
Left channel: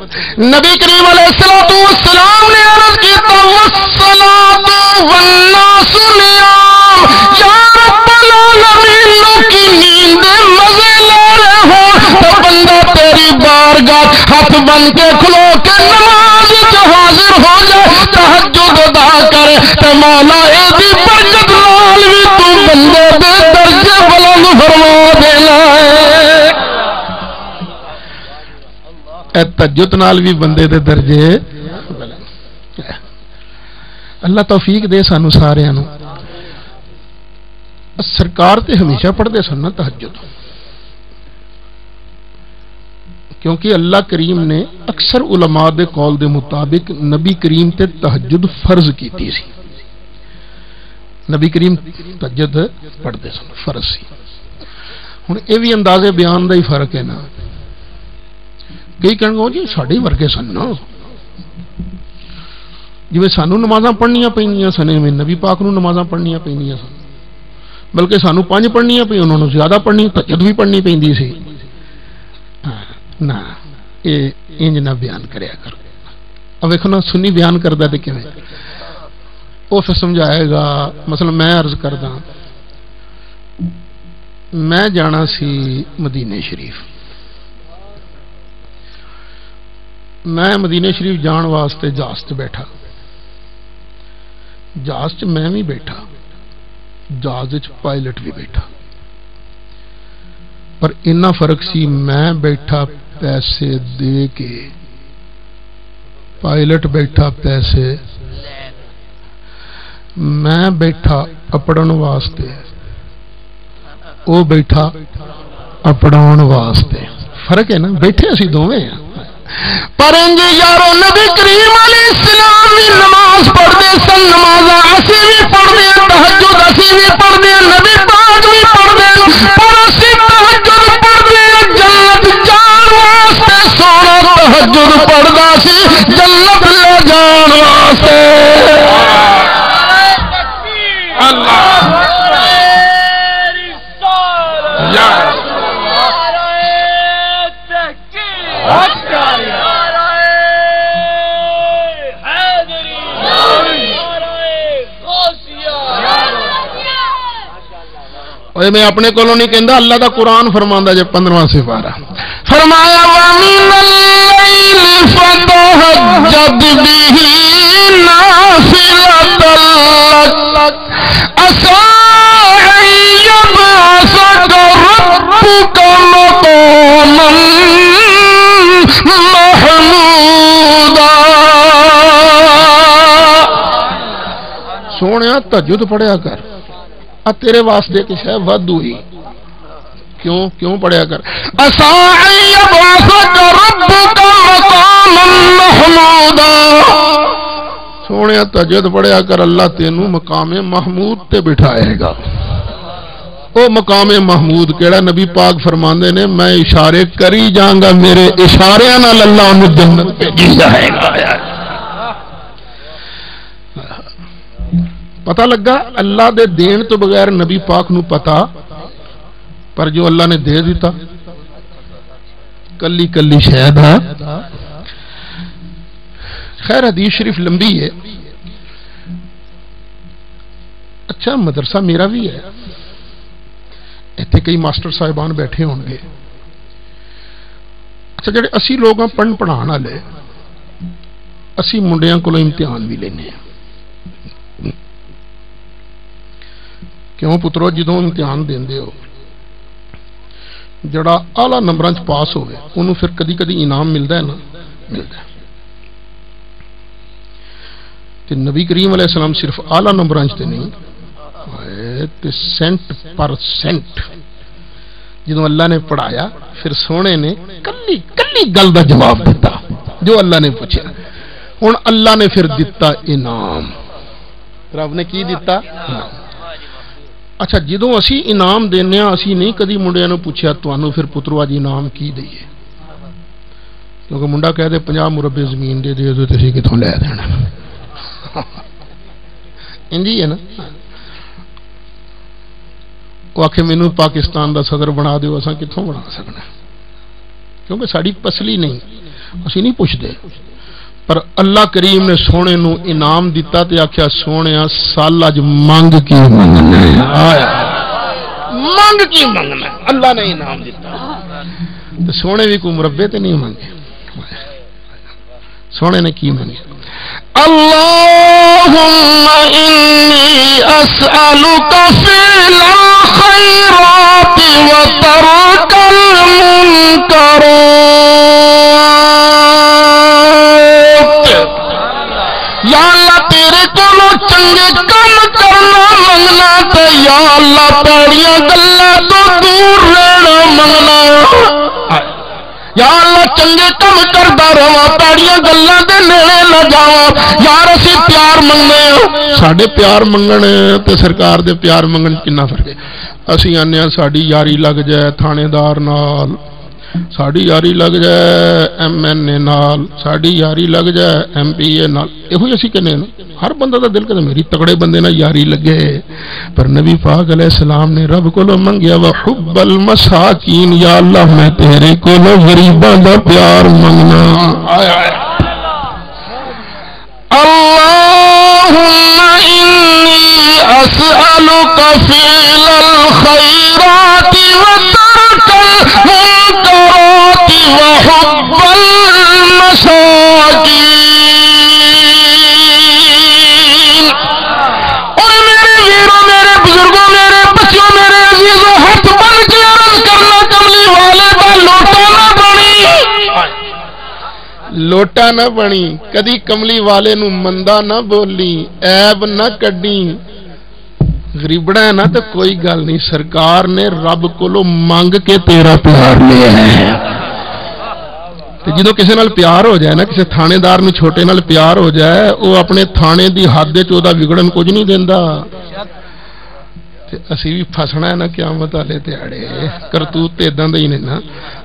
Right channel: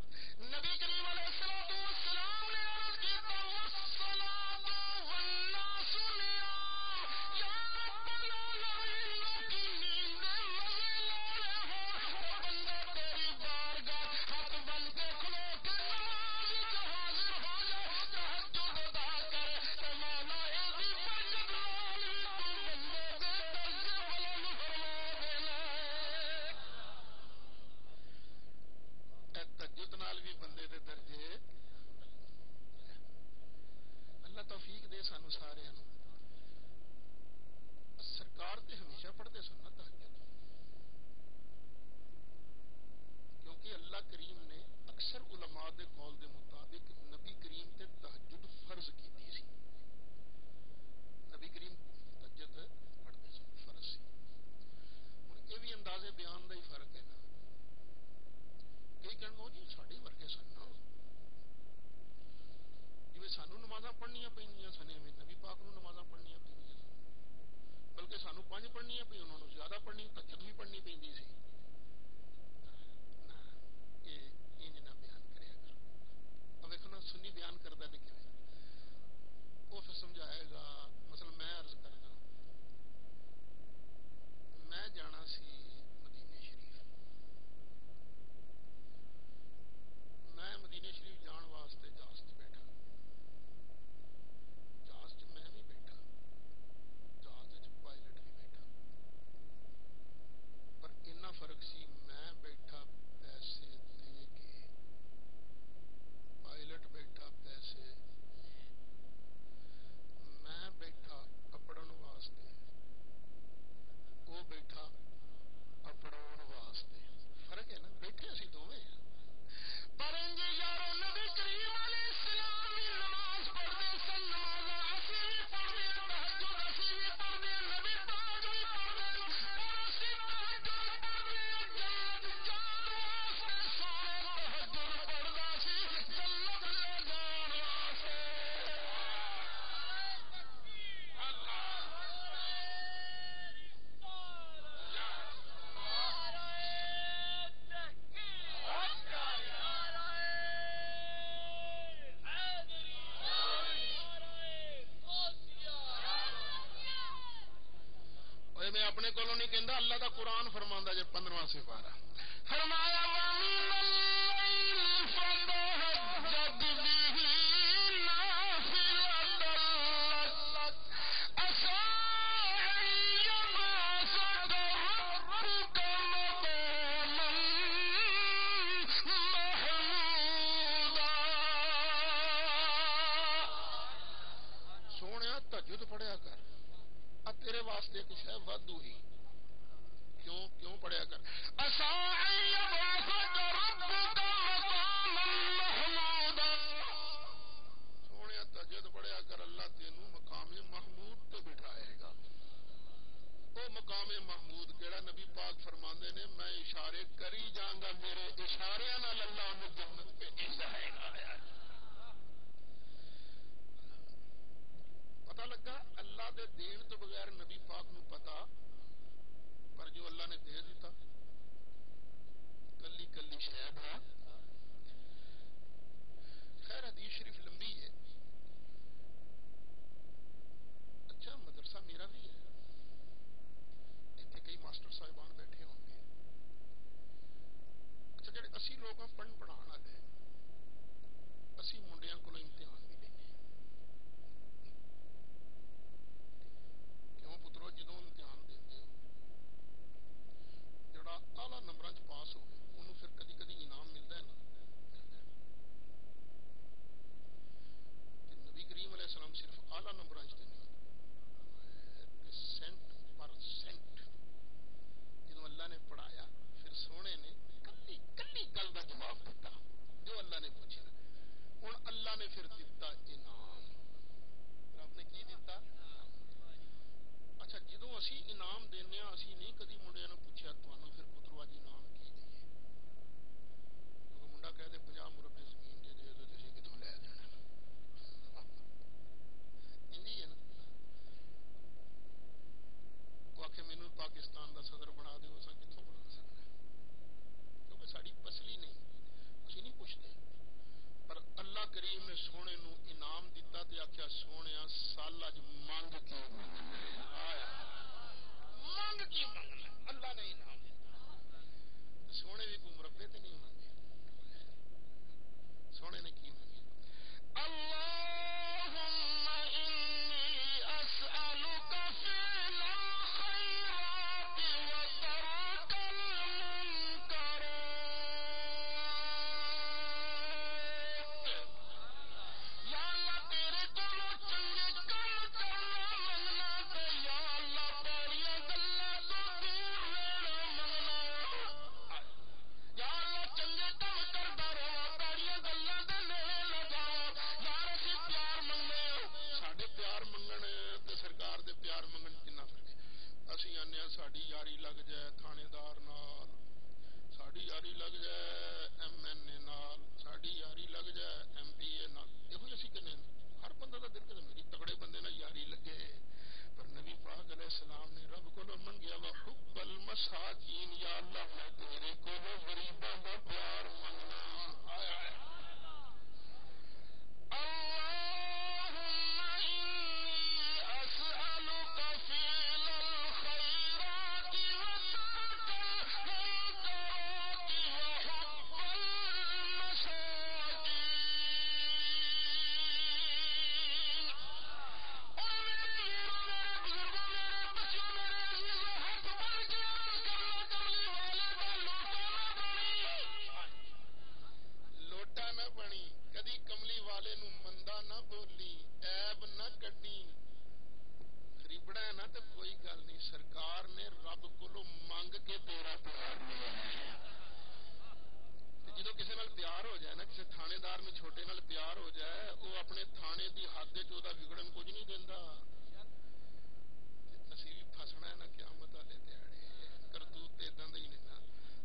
نبی کریم علیہ الصلوۃ والسلام نے عرض کیتا والصلاۃ والناس نیام یا رب العالمین کی نیند مزے لے رہے ہو تو بندہ تیری بارگاہ ہاتھ بن کے کھلو کے نماز جو حاضر ہو جائے تہجد ادا کرے تے مولا اے دی برکت نال بھی تو بندے دے درجے بلند فرما دینا ہے اے تہجد نال بھی بندے دے درجے اللہ توفیق دے سانو سارے نو سرکار تے ہمیشہ پڑھتے سن نا تہجد کیونکہ اللہ کریم نے اکثر علماء دے قول دے مطابق نبی کریم تے تہجد فرض کیتی سی نبی کریم تہجد پڑھتے سن فرض سی ہن اے بھی اندازے بیان دا ہی فرق ہے نا کئی کہن گے جی ساڈے ورگے سن نا جی سانو نمازاں پڑھنیاں پینیاں سن میں نبی پاک نو نمازاں پڑھنیاں پینیاں سن بلکہ سانو 5 پڑھنیاں پئی انہوں نے زیادہ پڑھنی تہجد بھی پڑھنی پیندی سی نہ یہ انج نہ بیان کریا کر اب ویکھو نا سنی بیان کردا تے کیویں او پھر سمجھائے گا مثلا میں عرض کردا میں جانا سی مدینے شریف میں مدینے شریف جان واسطے جہاز تے بیٹھا جہاز چ میں بھی بیٹھا، جہاز پائلٹ بھی بیٹھا، پر اتنا فرق سی میں بیٹھا پیسے دے کے، پائلٹ بیٹھا پیسے، میں بیٹھا اپڑن واسطے، وہ بیٹھا اپڑاؤن واسطے، فرق ہے نا، بیٹھے اسی دونوں ہیں۔ پر انجی یارو نبی کریم علیہ السلام بھی نماز پڑھتے سن، نماز اسی بھی پڑھتے ہیں، تہجد اسی بھی پڑھتے ہیں، نبی پاک بھی پڑھتے ہیں، پر اسی تہجد پڑھتے ہیں جنت جان واسطے، سونا تہجد پڑھتا سی جنت لے جان واسطے۔ اللہ میں اپنے کولوں نہیں کہندا، اللہ دا قرآن فرماندا جے 15واں سپارہ فرمایا وَمِنَ اللَّيْلِ فَتَهَجَّدْ بِهِ نَافِلَةً لَكَ عَسَىٰ أَن يَبْعَثَكَ رَبُّكَ مَقَامًا مَحْمُودًا۔ سونیا تہجد پڑھیا کر، تیرے واسطے کچھ ہے ود ہوئی، کیوں پڑھیا کر، عَسَىٰ أَن يَبْعَثَكَ رَبُّكَ مَقَامًا مَحْمُودًا، سونیا تہجد پڑھیا کر، اللہ تینوں مقام محمود تے بٹھائے گا۔ او مقام محمود کیڑا؟ نبی پاک فرماندے نے میں اشارے کری جاؤں گا، میرے اشاریاں نال اللہ انہوں جنت بھیجی جائے گا۔ پتہ لگا اللہ دے دین تو بغیر نبی پاک نو پتا، پر جو اللہ نے دے دیتا کلی کلی شاید ہے۔ خیر حدیث شریف لمبی ہے، اچھا مدرسہ میرا بھی ہے، ایتھے کئی ماسٹر صاحبان بیٹھے ہون گے، اچھا جڑے اسی لوگ ہیں پڑھن پڑھان والے، اسی منڈیاں کو امتحان بھی لینے ہیں، کیوں پترو جدوں امتحان دیندے ہو جڑا اعلی نمبراں چ پاس ہوئے انہوں پھر کدی کدی انعام ملتا ہے نا، ملتا ہے۔ تے نبی کریم علیہ السلام صرف اعلی نمبراں چ تے نہیں، تے سینٹ پر سینٹ جدوں اللہ نے پڑھایا پھر سونے نے کلی کلی گل دا جواب دیتا جو اللہ نے پوچھا، ہن اللہ نے پھر دیتا انعام، رب نے کی دیتا انعام۔ اچھا جدوں اسی انعام دینے ہاں اسی نہیں کدی منڈیاں نوں پوچھیا تانوں پھر پترو اج انعام کی دئیے، کیونکہ منڈا کہہ دے 50 مربے زمین دے دے تو تسی کتھوں لے دینا، انجی ہے نا۔ وہ آکھے مینوں پاکستان دا صدر بنا دیو، اساں کتھوں بنا سکنا، کیونکہ ساڈی پسلی نہیں، اسی نہیں پوچھتے، پر اللہ کریم نے سونے نو انعام دیتا تے آکھیا سونیا سال اج منگ کی منگنا ہے، آیا منگ کی منگنا ہے، اللہ نے انعام دیتا تے سونے بھی کوئی مربے تے نہیں منگے، سونے نے کی منگے، اللہم انی اسألک فعل الخیرات وترک المنکرات، یا اللہ تیرے کولو چنگے کم کرنا منگنا تے یا اللہ پیڑیاں گلاں تو دور رہنا منگنا، یا اللہ چنگے کم کردا رہواں پیڑیاں گلاں دے نیڑے نہ جاواں، یار اسی پیار منگنے ساڈے پیار منگن تے سرکار دے پیار منگن کنا فرق ہے۔ اسی آنے ساڈی یاری لگ جائے تھانے دار نال، ساڈی یاری لگ جائے ایم این اے نال، ساڈی یاری لگ جائے ایم پی اے نال، یہ اسی کہنے نا، ہر بندہ دا دل کہتا میری تگڑے بندے نال یاری لگے، پر نبی پاک علیہ السلام نے رب کو منگیا وحب المساکین، یا اللہ میں تیرے کو غریباں دا پیار منگنا، اللہم انی اسألک فعل الخیرات وترک المنکرات وحب المساکین، لوٹا نہ بنی کدی کملی والے نو مندا نہ بولی عیب نہ کڈی غریبڑا ہے نا تو کوئی گل نہیں سرکار نے رب کولو مانگ کے تیرا پیار لیا ہے جدو کسی نال پیار ہو جائے نا کسی تھانے دار نو چھوٹے نال پیار ہو جائے وہ اپنے تھانے دی حد وچ بگڑن کچھ نہیں دیندا اسی بھی پھسنا ہے نا قیامت والے دیہڑے کرتوت اداں دے ہی نے نا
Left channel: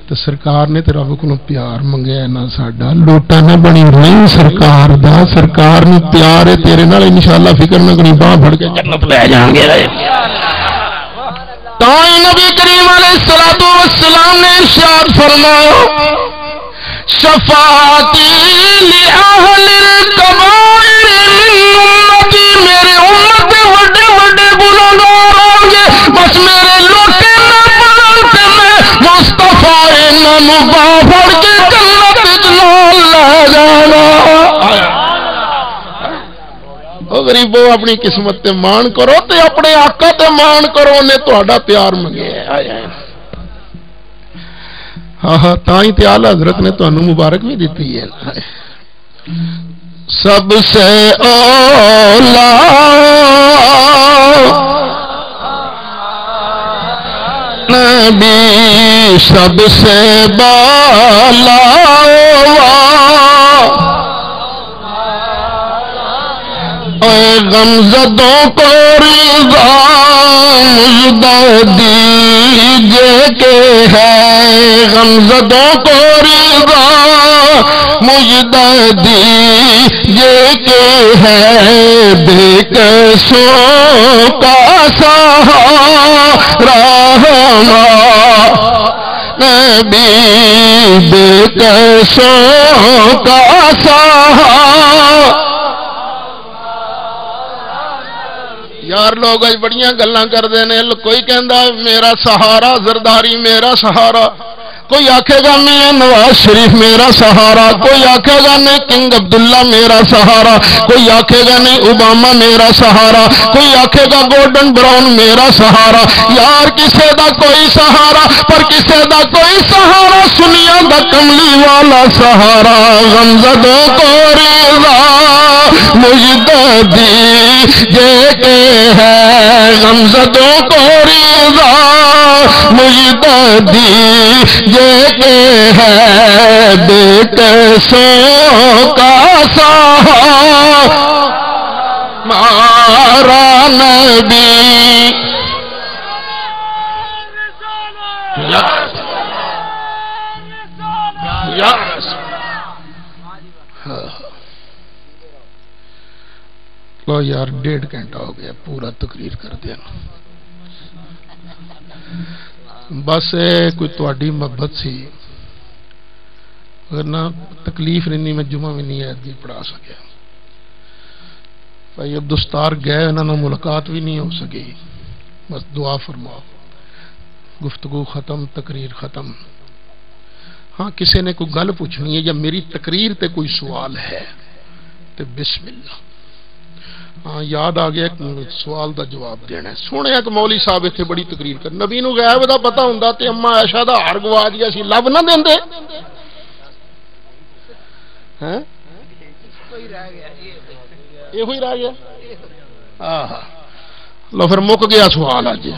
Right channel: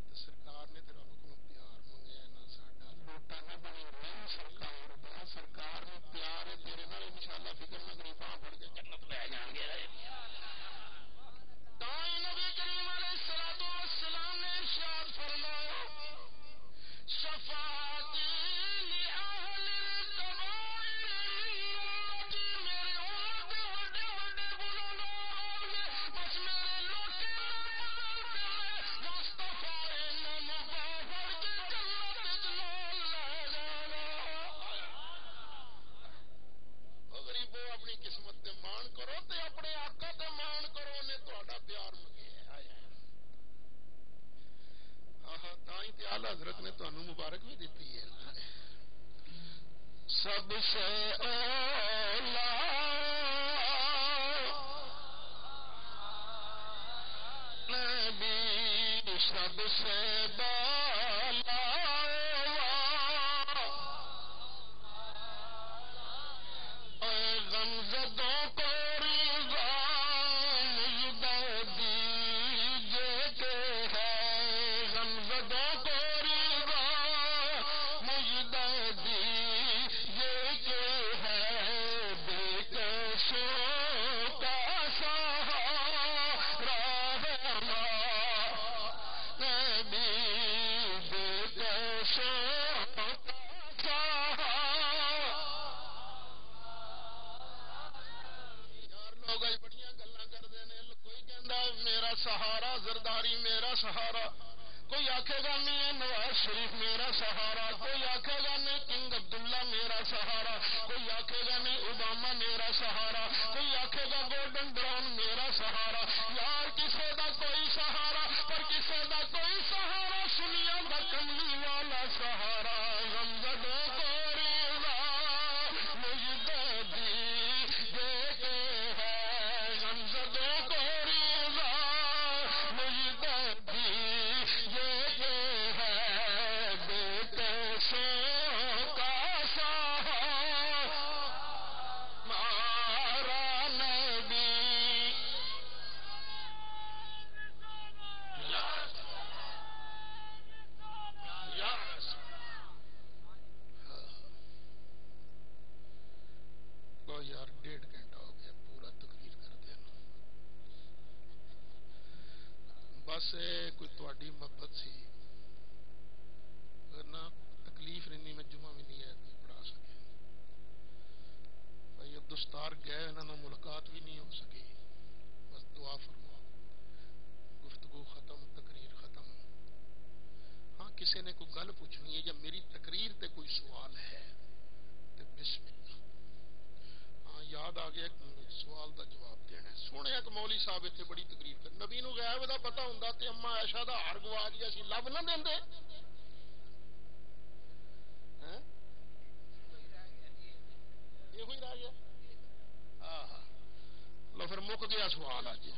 تو سرکار نے رب کو پیار منگیا نا ساڈا لوٹا نہ بنی نہیں سرکار دا سرکار نو پیار ہے تیرے نال انشاءاللہ فکر نہ کریں باہ پھڑ کے جنت لے جان گے تا نبی کریم علیہ الصلوۃ والسلام نے ارشاد فرمایا شفاعتی لأہل الکبائر من امتی میرے امت وڈے وڈے گناہگار آؤ گے بس میرے لوٹے نہ پڑھتے میں مصطفیٰ انہوں باہ پھڑ کے جنت جلال لے جانا او غریبو اپنی قسمت تے مان کرو تے اپنے آقا تے مان کرو انہیں تہاڈا پیار منگے آیا ہاں تائیں تے اعلی حضرت نے تانوں مبارک بھی دیتی ہے سب سے اولا نبی سب سے بالا غمزدوں کو رضا مجدہ دیجے کے ہے غمزدوں کو رضا مجدہ دیجے کے ہے بے کسوں کا سہارا نبی بے کسوں کا سہارا یار لوگ اج بڑیاں گلاں کردے نے کوئی کہندا میرا سہارا زرداری میرا سہارا کوئی آکھے گا میاں نواز شریف میرا سہارا کوئی آکھے گا نہیں کنگ عبداللہ میرا سہارا کوئی آکھے گا نہیں اوباما میرا سہارا کوئی آکھے گا گورڈن براؤن میرا سہارا یار کسے دا کوئی سہارا پر کسے دا کوئی سہارا سنیا دا کملی والا سہارا غمزدوں کو رضا مجدہ دیجے کے ہے غمزدوں کو رضا مجدہ دیجے کے ہے بے کسوں کا سہارا مارا نبی لو یار 1.5 گھنٹہ ہو گیا پورا تقریر کر دیا بس کوئی تواڈی محبت سی اگر نہ تکلیف نہیں میں جمعہ بھی نہیں ایت بھی پڑھا سکیا بھائی عبدالستار گئے انہوں ملاقات بھی نہیں ہو سکی بس دعا فرماؤ گفتگو ختم تقریر ختم ہاں کسی نے کوئی گل پوچھنی ہے یا میری تقریر تے کوئی سوال ہے تو بسم اللہ ہاں یاد آ گیا سوال دا جواب دینا ہے سونے کہ مولی صاحب اتنے بڑی تقریر کر نبی نو غیب دا پتہ ہوندا تے اما عائشہ دا ہار گوا دیا سی لب نہ دیندے ہیں یہ ہوئی رہ گیا ہاں لو پھر مک گیا سوال اج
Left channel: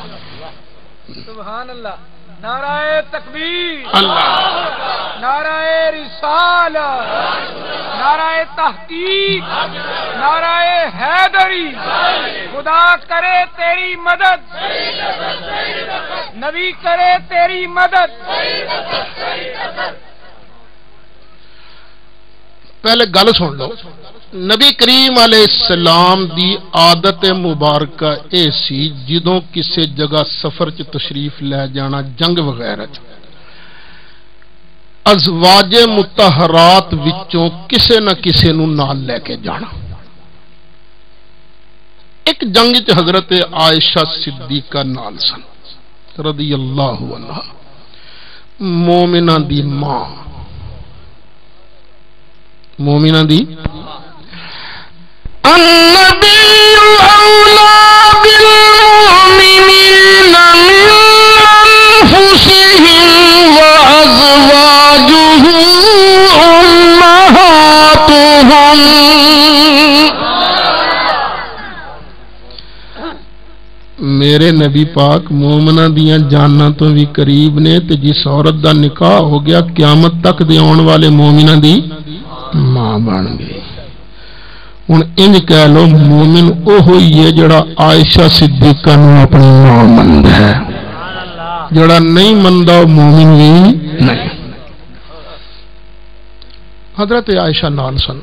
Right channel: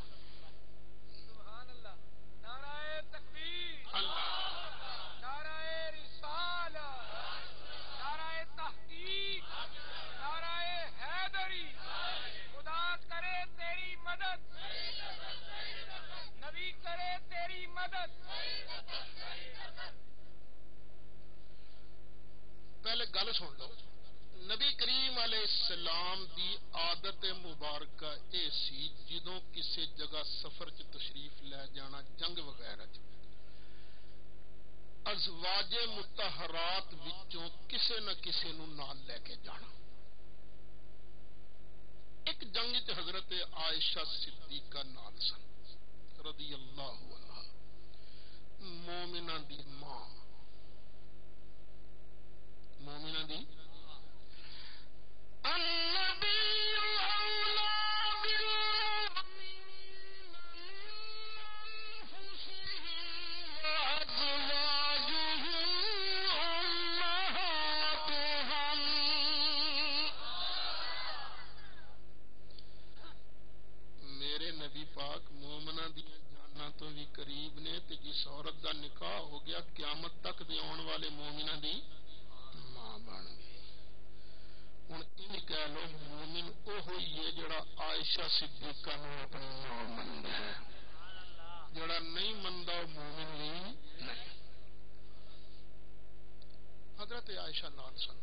سبحان اللہ نعرہ تکبیر اللہ نعرہ رسالت نعرہ تحقیق نعرہ حیدری خدا کرے تیری مدد نبی کرے تیری مدد پہلے گل سن لو نبی کریم علیہ السلام دی عادت مبارکہ اے سی جدوں کسے جگہ سفر چ تشریف لے جانا جنگ وغیرہ ازواج مطہرات وچوں کسے نہ کسے نو نال لے کے جانا ایک جنگ چ حضرت عائشہ صدیقہ نال سن رضی اللہ عنہا مومنہ دی ماں مومنہ دی النبی اولا بالمؤمنین من انفسهم وازواجه امہاتهم نبی پاک مومنہ دیاں جاناں تو بھی قریب نے تے جس عورت دا نکاح ہو گیا قیامت تک دے آن والے مومنہ دی ماں بن گئی. ہن انج کہہ لو مومن او ہوئی ہے جڑا عائشہ صدیقہ نو اپنی ماں مندا ہے، جڑا نہیں مندا او مومن بھی نہیں. حضرت عائشہ نال سن،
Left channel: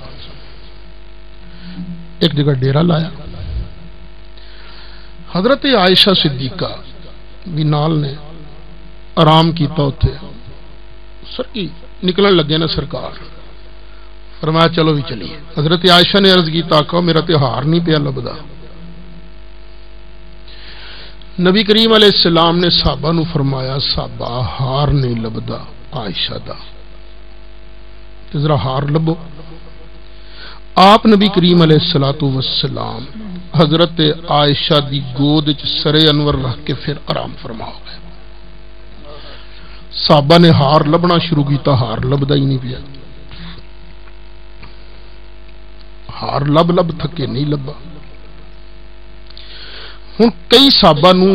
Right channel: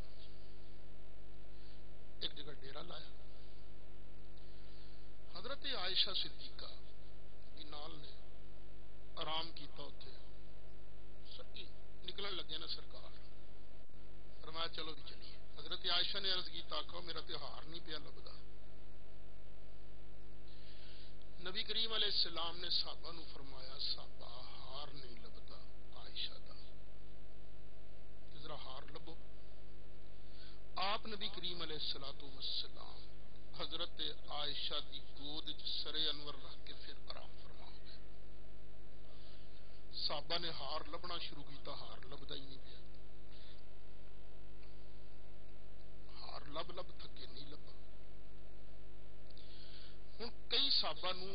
ایک جگہ ڈیرا لایا. حضرت عائشہ صدیقہ بھی نال نے آرام کیتا ہوتے سر کی نکلن لگے نا سرکار، فرمایا چلو بھی چلیے. حضرت عائشہ نے عرض کیتا آقا میرا تے ہار نہیں پیا لبدا. نبی کریم علیہ السلام نے صحابہ نو فرمایا صحابہ ہار نہیں لبدا عائشہ دا، تے ذرا ہار لبو. آپ نبی کریم علیہ السلام حضرت عائشہ دی گود وچ سر انور رکھ کے پھر آرام فرما ہو گئے. صحابہ نے ہار لبنا شروع کیتا، ہار لبدا ہی نہیں پیا. ہار لب لب تھکے نہیں لبا. ہن کئی صحابہ نو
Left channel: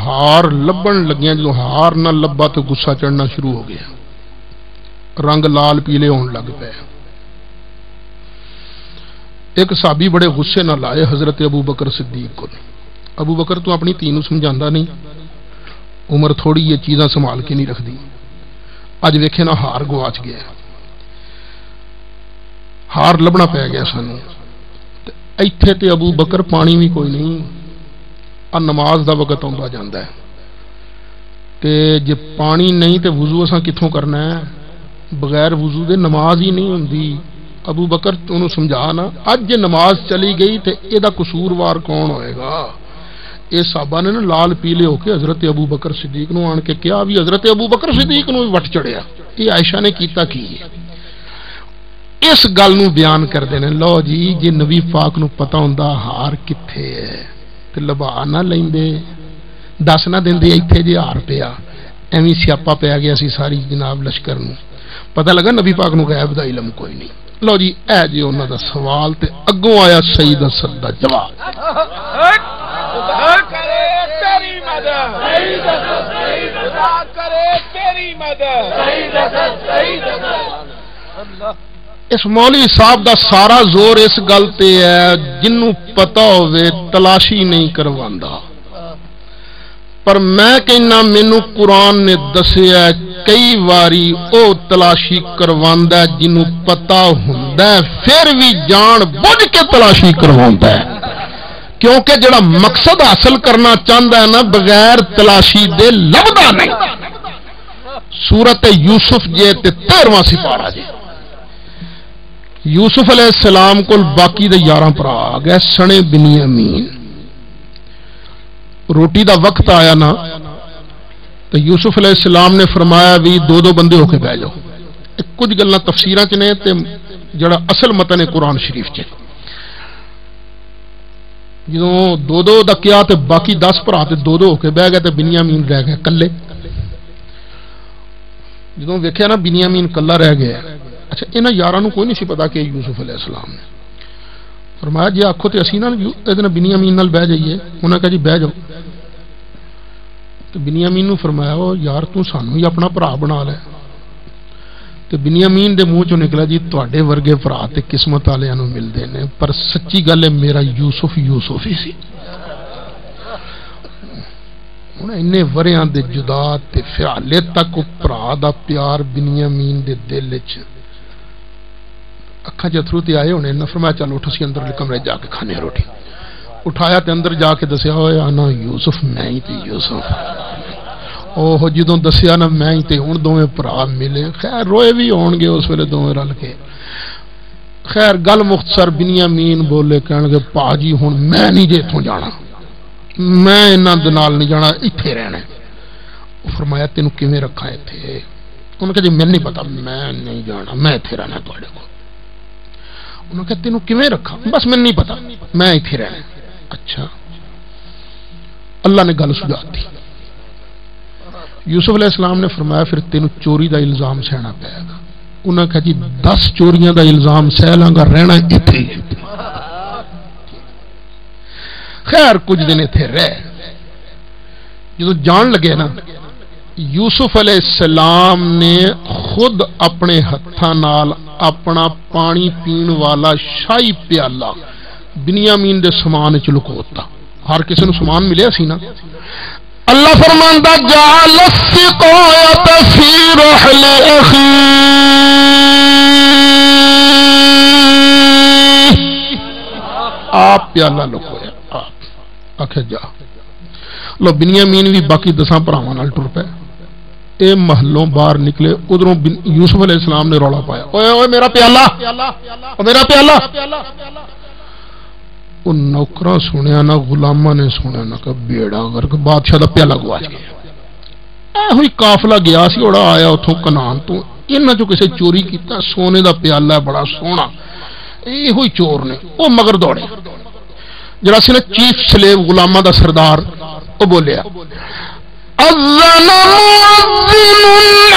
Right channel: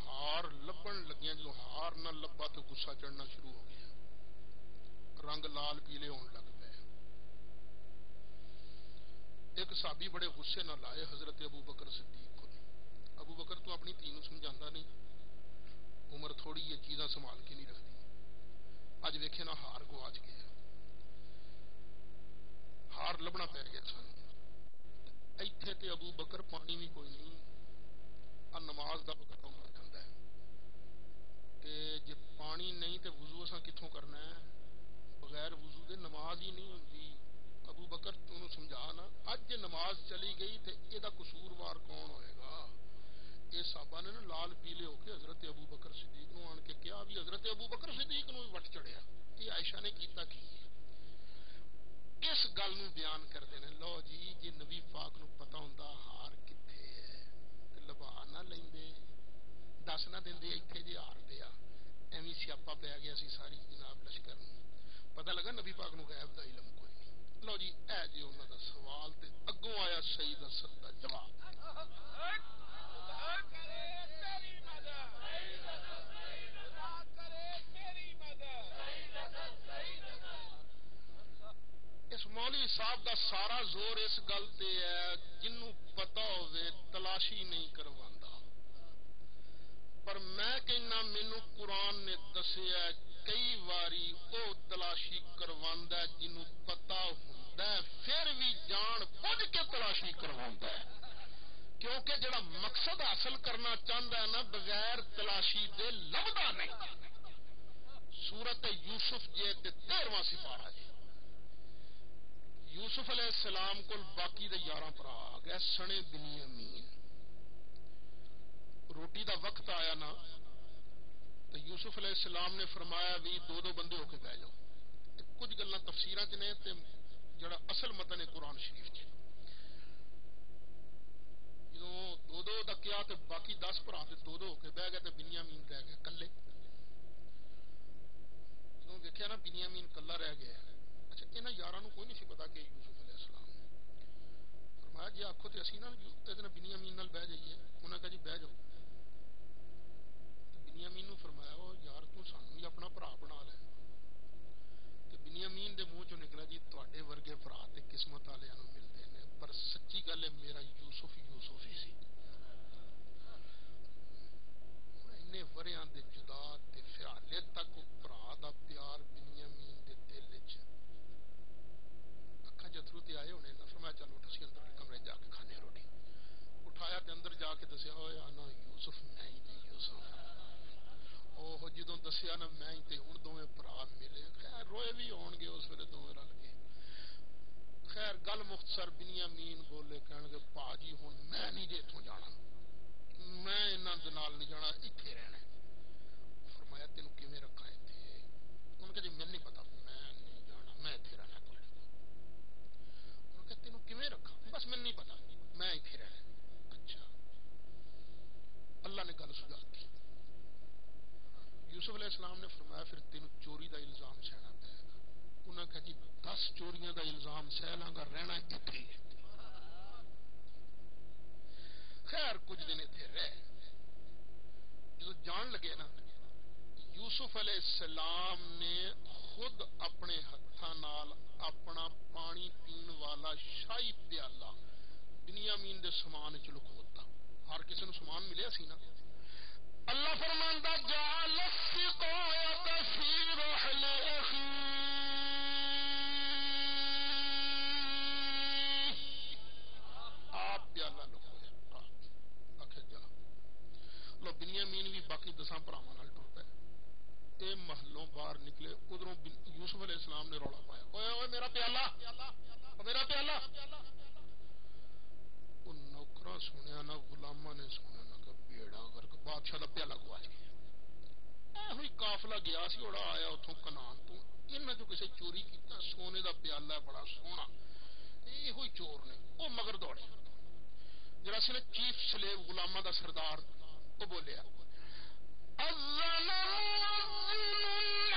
ہار لبن لگیاں، جو ہار نہ لبا تو غصہ چڑھنا شروع ہو گیا، رنگ لال پیلے ہون لگ پے. ایک صحابی بڑے غصے نہ لائے حضرت ابو بکر صدیق کو. ابو بکر تو اپنی تینوں سمجھاندا نہیں، عمر تھوڑی یہ چیزاں سنبھال کے نہیں رکھدی. اج ویکھے نا ہار گواچ گیا، ہار لبنا پی گیا سانوں. ایتھے تے ابو بکر پانی بھی کوئی نہیں، نماز دا وقت آندا جاندا ہے تے جے پانی نہیں تے وضو اساں کتھوں کرنا ہے؟ بغیر وضو دے نماز ہی نہیں ہوندی. ابو بکر انہوں سمجھا نا اج جے نماز چلی گئی تے اے دا قصوروار کون ہوئے گا؟ اے صحابہ نے نا لال پیلے ہو کے حضرت ابو بکر صدیق نو آن کے کیا بھی حضرت ابو بکر صدیق نو وٹ چڑھیا. یہ عائشہ نے کیتا کی ہے؟ اس گل نو بیان کر دینے لو جی جے نبی پاک نو پتہ ہوندا ہار کتھے ہے تے لبا نہ لیندے، دس نہ دیندے ایتھے جے ہار پیا. ایویں سیاپا پیا گیا سی ساری جناب لشکر نو. پتہ لگا نبی پاک نو غیب دا علم کوئی نہیں. لو جی اے جی انہاں دا سوال تے اگوں آیا سید اسد دا جواب. اس مولوی صاحب دا سارا زور اس گل تے ہے جنوں پتہ ہوئے تلاشی نہیں کرواندا. پر میں کہنا مینوں قرآن نے دسیا کئی واری او تلاشی کرواندا ہے جنوں پتہ ہوندا ہے پھر بھی جان بوجھ کے تلاشی کرواندا ہے، کیونکہ جڑا مقصد حاصل کرنا چاہتا ہے نا بغیر تلاشی دے لبدا نہیں. سورت یوسف جے تے 13واں سپارہ جے. یوسف علیہ السلام کو باقی دے 11 بھرا آ گئے سنے بنیامین. روٹی دا وقت آیا نا تو یوسف علیہ السلام نے فرمایا بھی دو دو بندے ہو کے بہ جاؤ. کچھ گلاں تفسیراں چ نے تے جڑا اصل متن ہے قرآن شریف چ. جدوں دو دو دا کیا تے باقی 10 بھرا تے دو دو ہو کے بہ گئے تے بنیامین رہ گئے کلے. جدوں ویکھیا نا بنیامین کلا رہ گیا. اچھا انہاں یاراں نوں کوئی نہیں سی پتا کہ یوسف علیہ السلام نے فرمایا جی آکھو تے اسی نال ادنا بنیامین نال بہ جائیے. انہاں کہا جی بہ جاؤ. تو بنیامین نوں فرمایا او یار تو سانوں ہی اپنا بھرا بنا لے. تو بنیامین دے منہ چوں نکلا جی تواڈے ورگے بھرا تے قسمت والیاں نوں ملدے نے پر سچی گل ہے میرا یوسف یوسف ہی سی. ہن اینے وریاں دے جدا تے فعالے تک بھرا دا پیار بنیامین دے دل وچ اکھاں چ اتھرو تے آئے ہونے نہ. فرمایا چل اٹھ اسی اندر کمرے جا کے کھانے روٹی. اٹھایا تے اندر جا کے دسیا ہوئے آنا یوسف میں ہی تے یوسف. اوہ جدوں دسیا نا میں ہی تے ہن دوویں بھرا ملے. خیر روئے بھی ہون گے اس ویلے دوویں رل کے. خیر گل مختصر بنیامین بولے کہن گے پا جی ہن میں نہیں جے اتھوں جانا، میں انہاں دے نال نہیں جانا ایتھے رہنا. فرمایا تینوں کیویں رکھاں ایتھے؟ انہوں نے کہا جی میں نہیں پتا میں نہیں جانا میں ایتھے رہنا تواڈے کول. انہوں نے کہا تینوں کیویں رکھا؟ بس میں نہیں پتا میں ایتھے رہنا. اچھا اللہ نے گل سجا دی. یوسف علیہ السلام نے فرمایا پھر تینوں چوری دا الزام سہنا پائے گا. انہوں نے کہا جی 10 چوریاں دا الزام سہ لاں گا رہنا ایتھے. خیر کچھ دن ایتھے رہ جدو جان لگے نا یوسف علیہ السلام نے خود اپنے ہتھاں نال اپنا پانی پین والا شاہی پیالہ بنیامین دے سامان وچ لکوتا. ہر کسی نو سامان ملیا سی نا. اللہ فرماندا جعل السقایۃ فی رحل اخی، آپ پیالہ لکویا. آپ آخر جا لو. بنیامین بھی باقی 10 بھراواں نال ٹر پے. اے محلوں باہر نکلے. ادھروں یوسف علیہ السلام نے رولا پایا، اوے اوے میرا پیالہ، میرا پیالہ. وہ نوکراں سنیا نہ غلاماں نے سنیا نہ کہ بیڑا اگر بادشاہ دا پیالہ گواچ گیا. اے ہوئی قافلہ گیا سی اوڑا آیا اتھوں کنان تو، انہاں چوں کسے چوری کیتا. سونے دا پیالہ ہے بڑا سونا. یہ ہوئی چور نے وہ مگر دوڑے. جڑا سی نا چیف سلیو غلاماں دا سردار، وہ بولیا اذن مؤذن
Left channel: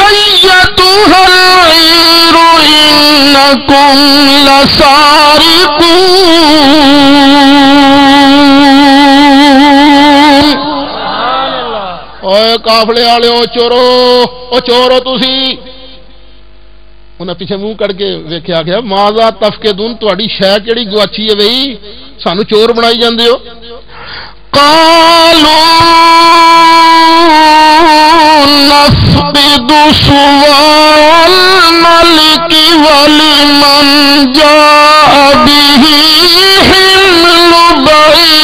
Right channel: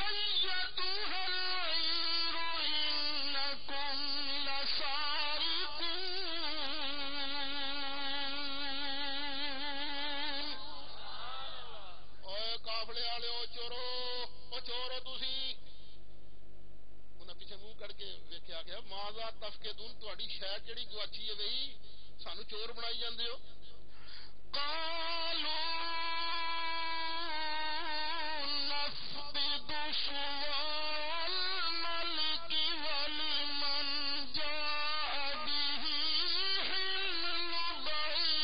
ایتها العیر انکم لسارقون. اوے قافلے والے چورو، او چورو تسی. انہیں پیچھے منہ کر کے ویکھیا گیا ماذا تفقدون، تہاڈی شے کیڑی گواچی ہے بھئی سانو چور بنائی جاندے ہو. قالوا نفقد صواع الملك ولمن جاء به حمل بعير.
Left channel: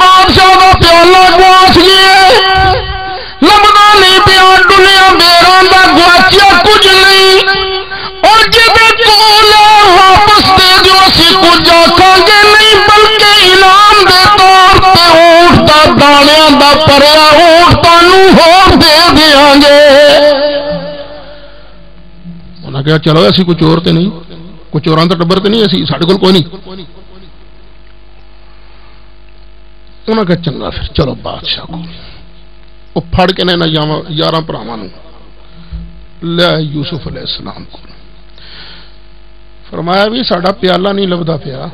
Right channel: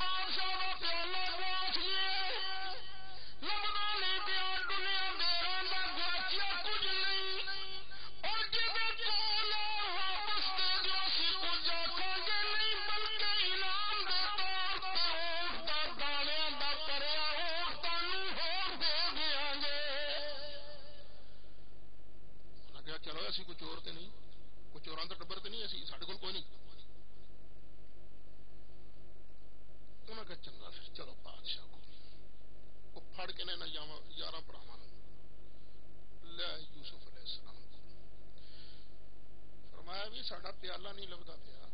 بادشاہ کا پیالہ گواچ گیا، لبنا نہیں پیا، ڈلیا بیراں دا گواچیا کچھ نہیں. اور جدے کول واپس دے جو اسی کچھ آکھاں گے نہیں، بلکہ انعام دے طور پہ اونٹ دا دانیاں دا پریا اونٹ تانوں ہور دے دیاں گے. انہاں کہا چلو اسی کوئی چور تے نہیں، کوئی چوراں دا ٹبر تے نہیں، اسی ساڈے کول کوئی نہیں. انہاں کہا چنگا پھر چلو بادشاہ کو. وہ پھڑ کے نے 11 بھراواں نوں لے یوسف علیہ السلام کو. فرمایا بھی ساڈا پیالہ نہیں لبدا پیا.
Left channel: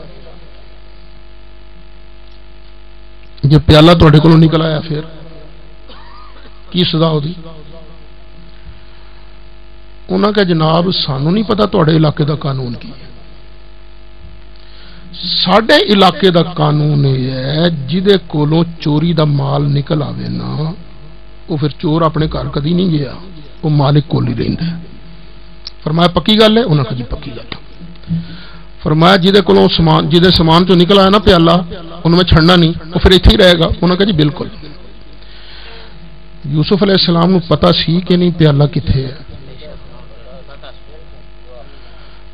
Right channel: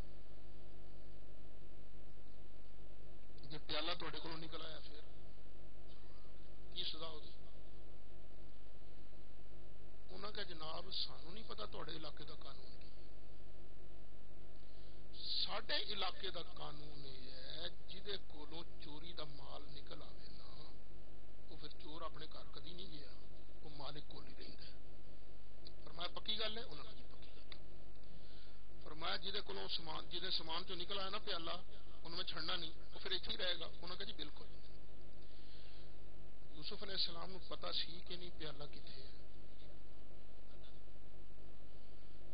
جے پیالہ تہاڈے کولوں نکل آیا پھر کی سزا ہوندی؟ انہاں کہا جناب سانوں نہیں پتا تہاڈے علاقے دا قانون کی ہے. ساڈے علاقے دا قانون یہ ہے جدے کولوں چوری دا مال نکل آوے نا وہ پھر چور اپنے گھر کدی نہیں گیا، وہ مالک کول ہی رہندا ہے. فرمایا پکی گل ہے؟ انہاں کہا جی پکی گل. فرمایا جدے کولوں سامان، جدے سامان چوں نکل آیا نا پیالہ انہوں میں چھڑنا نہیں، وہ پھر ایتھے ہی رہے گا. انہاں کہا جی بالکل. یوسف علیہ السلام نوں پتہ سی کہ نہیں پیالہ کتھے ہے،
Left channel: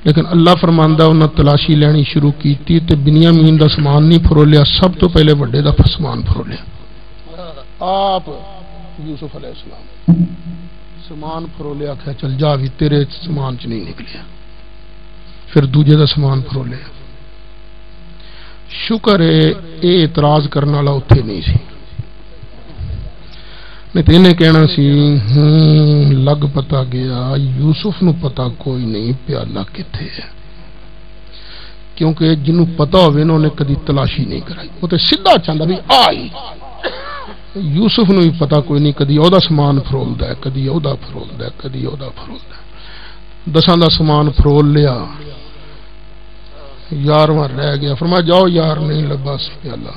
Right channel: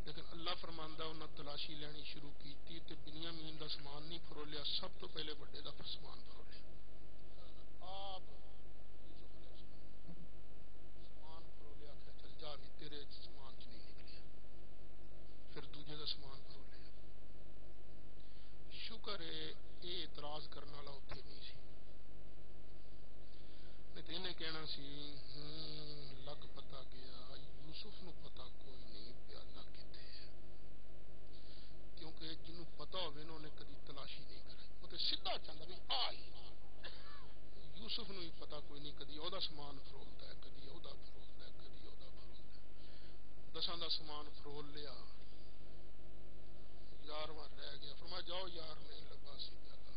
لیکن اللہ فرماندا انہاں تلاشی لینی شروع کیتی تے بنیامین دا سامان نہیں فرولیا، سب تو پہلے وڈے دا سامان فرولیا. آپ یوسف علیہ السلام سامان فرولیا، کہا چل جا بھی تیرے سامان چ نہیں نکلیا. پھر دوجے دا سامان فرولیا. شکر ہے اے اعتراض کرنے والا اتنے نہیں سی، نہیں تو انہیں کہنا سی لگ پتا گیا یوسف نو پتا کوئی نہیں پیالہ کتھے ہے، کیونکہ جنوں پتا ہوئے انہوں نے کدی تلاشی نہیں کرائی. وہ تو سیدھا چاہتا بھی آئی. یوسف نو بھی پتا کوئی نہیں، کدی او دا سامان فرولدا ہے، کدی او دا فرولدا ہے، کدی او دا فرولدا ہے. 10 دا سامان فرول لیا، 11واں رہ گیا. فرمایا جاؤ یار نہیں لبا پیالہ.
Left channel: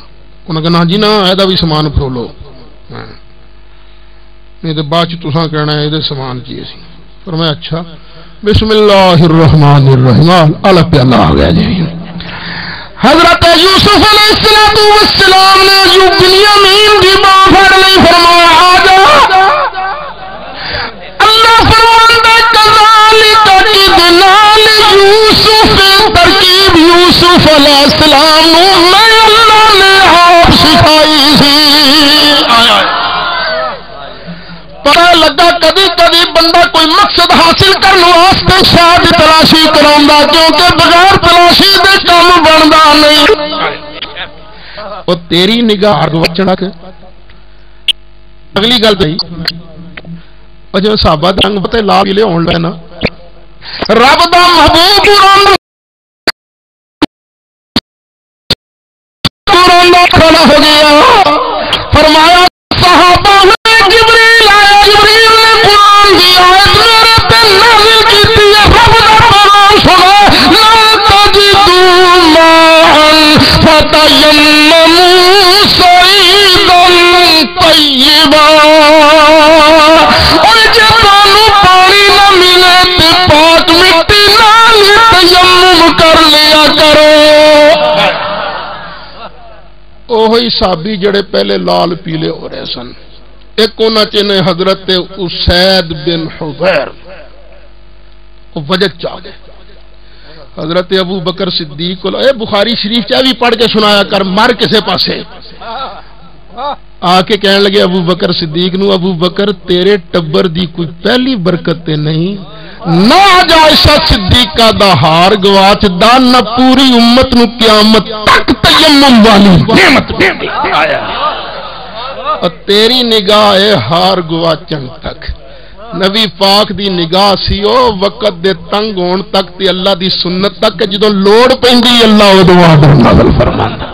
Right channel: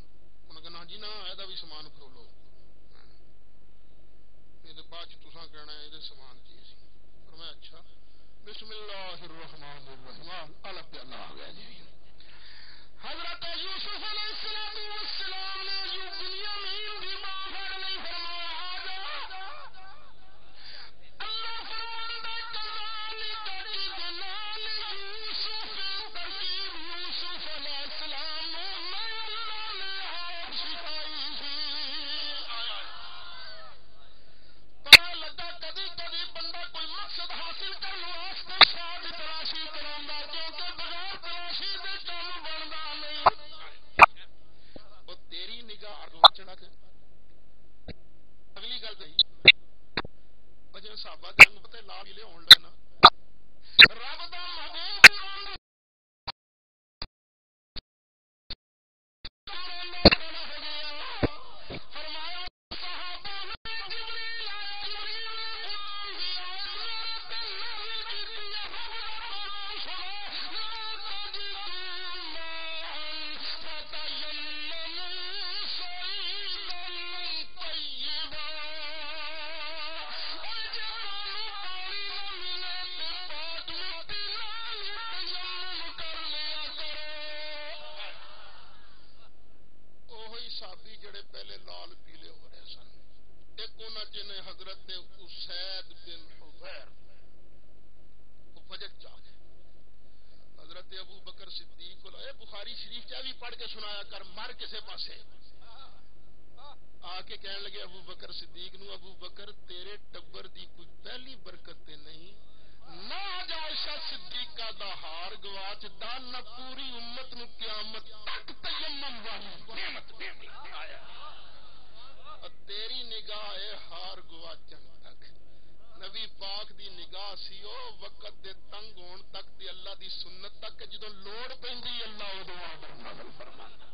انہوں نے کہا جی نا ایدا بھی سامان فرولو، نہیں تو بعد تساں کہنا ہے یہ سامان چاہیے سی. فرمایا اچھا بسم اللہ الرحمن الرحیم. اللہ پیالہ آ گیا جی. حضرت یوسف علیہ السلام نے جو بنیامین دی باں پھڑ لی، فرمایا آ جا. اللہ فرماندا کذالک کدنا لیوسف، ترکیب یوسف علیہ السلام نو میں اللہ نے آپ سکھائی سی. پتہ لگا کدی کدی بندہ کوئی مقصد حاصل کرنے واسطے شاید تلاشی کراؤندا، کیونکہ بغیر تلاشی دے کام بندا نہیں. او تیری نگاہ وچڑا کے اگلی گل پئی او جو صحابہ دنگ تے لا کے لے ہون لے نا رب دا محبوب کھڑا ہو گیا، فرمایا صحابہ نے جبریل آیا، جبریل نے قرآن کی آیت میرے تے نازل کیتی ہے، رب دا فرمان سنا، لا تجدوا ماء فتیمموا صعیدا طیبا، اور جے تانوں پانی نہ ملے تے پاک مٹی نال تیمم کر لیا کرو۔ اوہی صحابی جڑے پہلے لال پیلے ہو رہے سن، ایک انہاں چ نے حضرت اسید بن حضیر، وہ وجہ چاہ گئے حضرت ابو بکر صدیق کو، اے بخاری شریف چاہ بھی پڑھ کے سنایا کر، مر کسے پاسے آ کے کہنے لگے ابو بکر صدیق نو، ابو بکر تیرے ٹبر دی کوئی پہلی برکت تے نہیں، نہ عائشہ صدیقہ دا ہار گواچ دا، نہ پوری امت نو قیامت تک تیمم والی نعمت دے آیا، اور تیری نگاہ ہے ہار گواچن تک۔ نبی پاک دی نگاہ سی او وقت دے تنگ ہون تک تے اللہ دی سنت تک، جدوں لوڑ پیندی اللہ اودوں آرڈر نازل فرماندا۔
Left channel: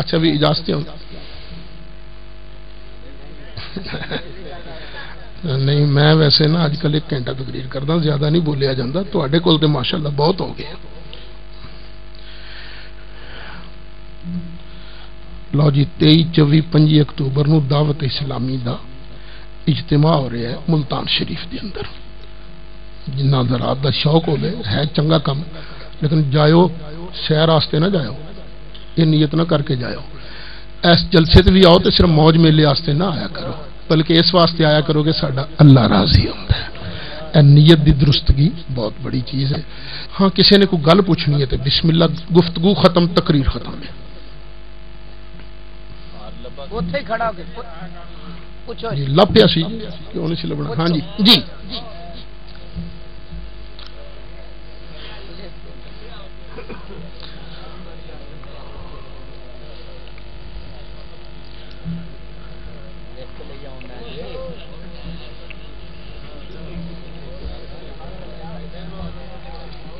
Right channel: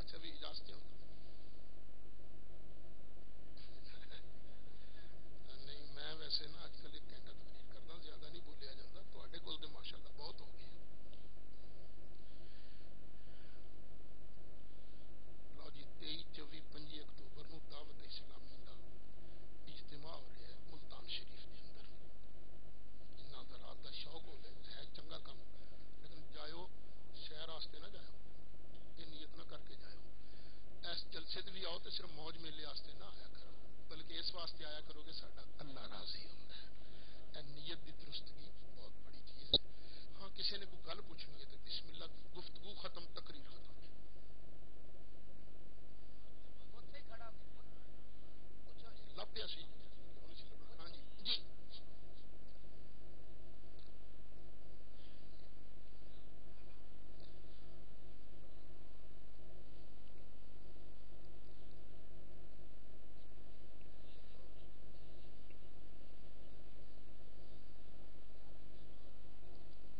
اچھا بھی اجازتیں ہوں نہیں، میں ویسے نا آج کل 1 گھنٹہ تقریر کردا، زیادہ نہیں بولیا جاندہ، تواڈے کول تے ماشاءاللہ بہت ہو گئے۔ لو جی 23، 24، 25 اکتوبر نو دعوت اسلامی دا اجتماع ہو رہا ہے ملتان شریف دے اندر، جنہ ذرات دا شوق ہو ہے چنگا کم، لیکن جائیو سیر واسطے نہ جائیو، یہ نیت نہ کر کے جائیو، اس جلسے تے بھی آؤ تو صرف موج میلے واسطے نہ آیا کرو، بلکہ اس واسطے آیا کرو کہ ساڈا اللہ راضی ہوتا ہے۔ اے نیت دی درستگی بہت بڑی چیز ہے۔ ہاں کسی نے کوئی گل پوچھنی ہے تو بسم اللہ، گفتگو ختم، تقریر ختم ہے۔ جی لپیا سی کیوں نہیں سی لبنا؟ ہاں جی جی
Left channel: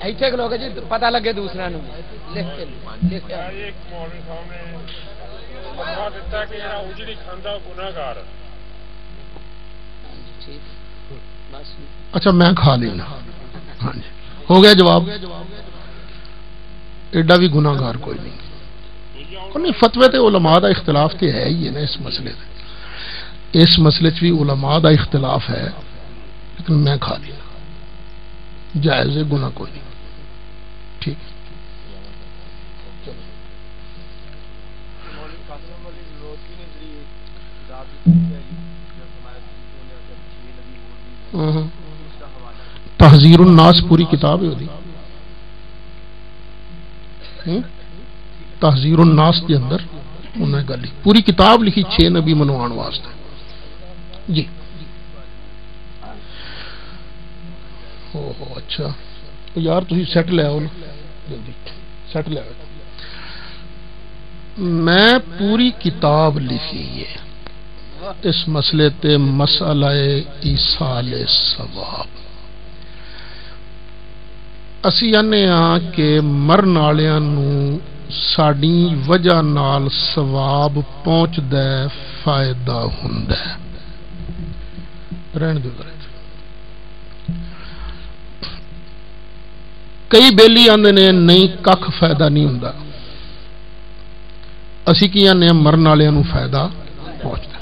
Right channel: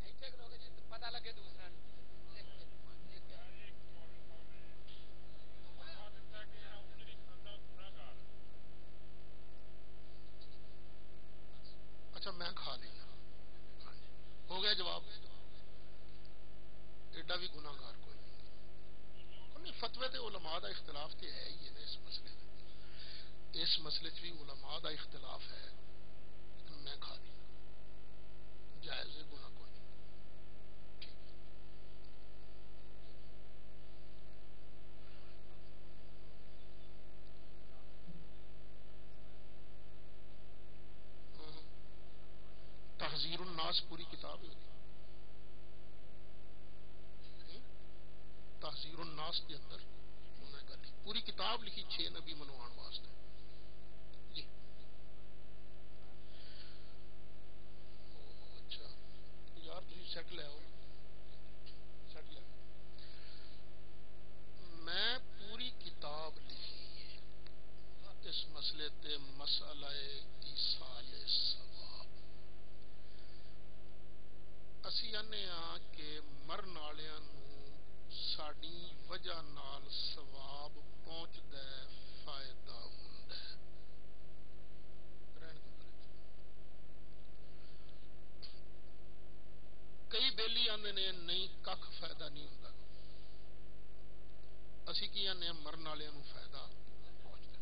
ایتھے لوگ جی پتہ لگے دوسرا نو لکھ کے ایک مولوی صاحب نے فتوا دیتا کہ جڑا اجڑی کھاندا گناہگار۔ اچھا میں کھا لینا، ہاں جی ہو گیا جواب، ایڈا بھی گناہگار کوئی نہیں۔ فتوے تے علماء دا اختلاف تے ہے ہی ہے نا، اس مسئلے تے، اس مسئلے چ بھی علماء دا اختلاف ہے، لیکن میں کھا لینا، جائز ہے، گناہ کوئی نہیں، ٹھیک ہے۔ تحذیر الناس پوری کتاب ہے دی، تحذیر الناس کے اندر انہیں گل پوری کتاب لکھی 6 نبی منوان واسطے جی۔ اچھا یار تھی سیٹ لے آؤ نا جلدی، سیٹ لے آؤ۔ میں پوری کتاب لکھی ہے اس مسئلے تے، مسئلہ ایصال ثواب۔ اسی آنے ہاں کہ مرن والےاں نو ساڈی وجہ نال ثواب پہنچدا ہے، فائدہ ہوندا ہے۔ رہن دو کئی بیلی آندے نے نہیں کھ فائدہ نہیں ہوندا، اسی کی آنے مرن والےاں نو فائدہ پہنچدا۔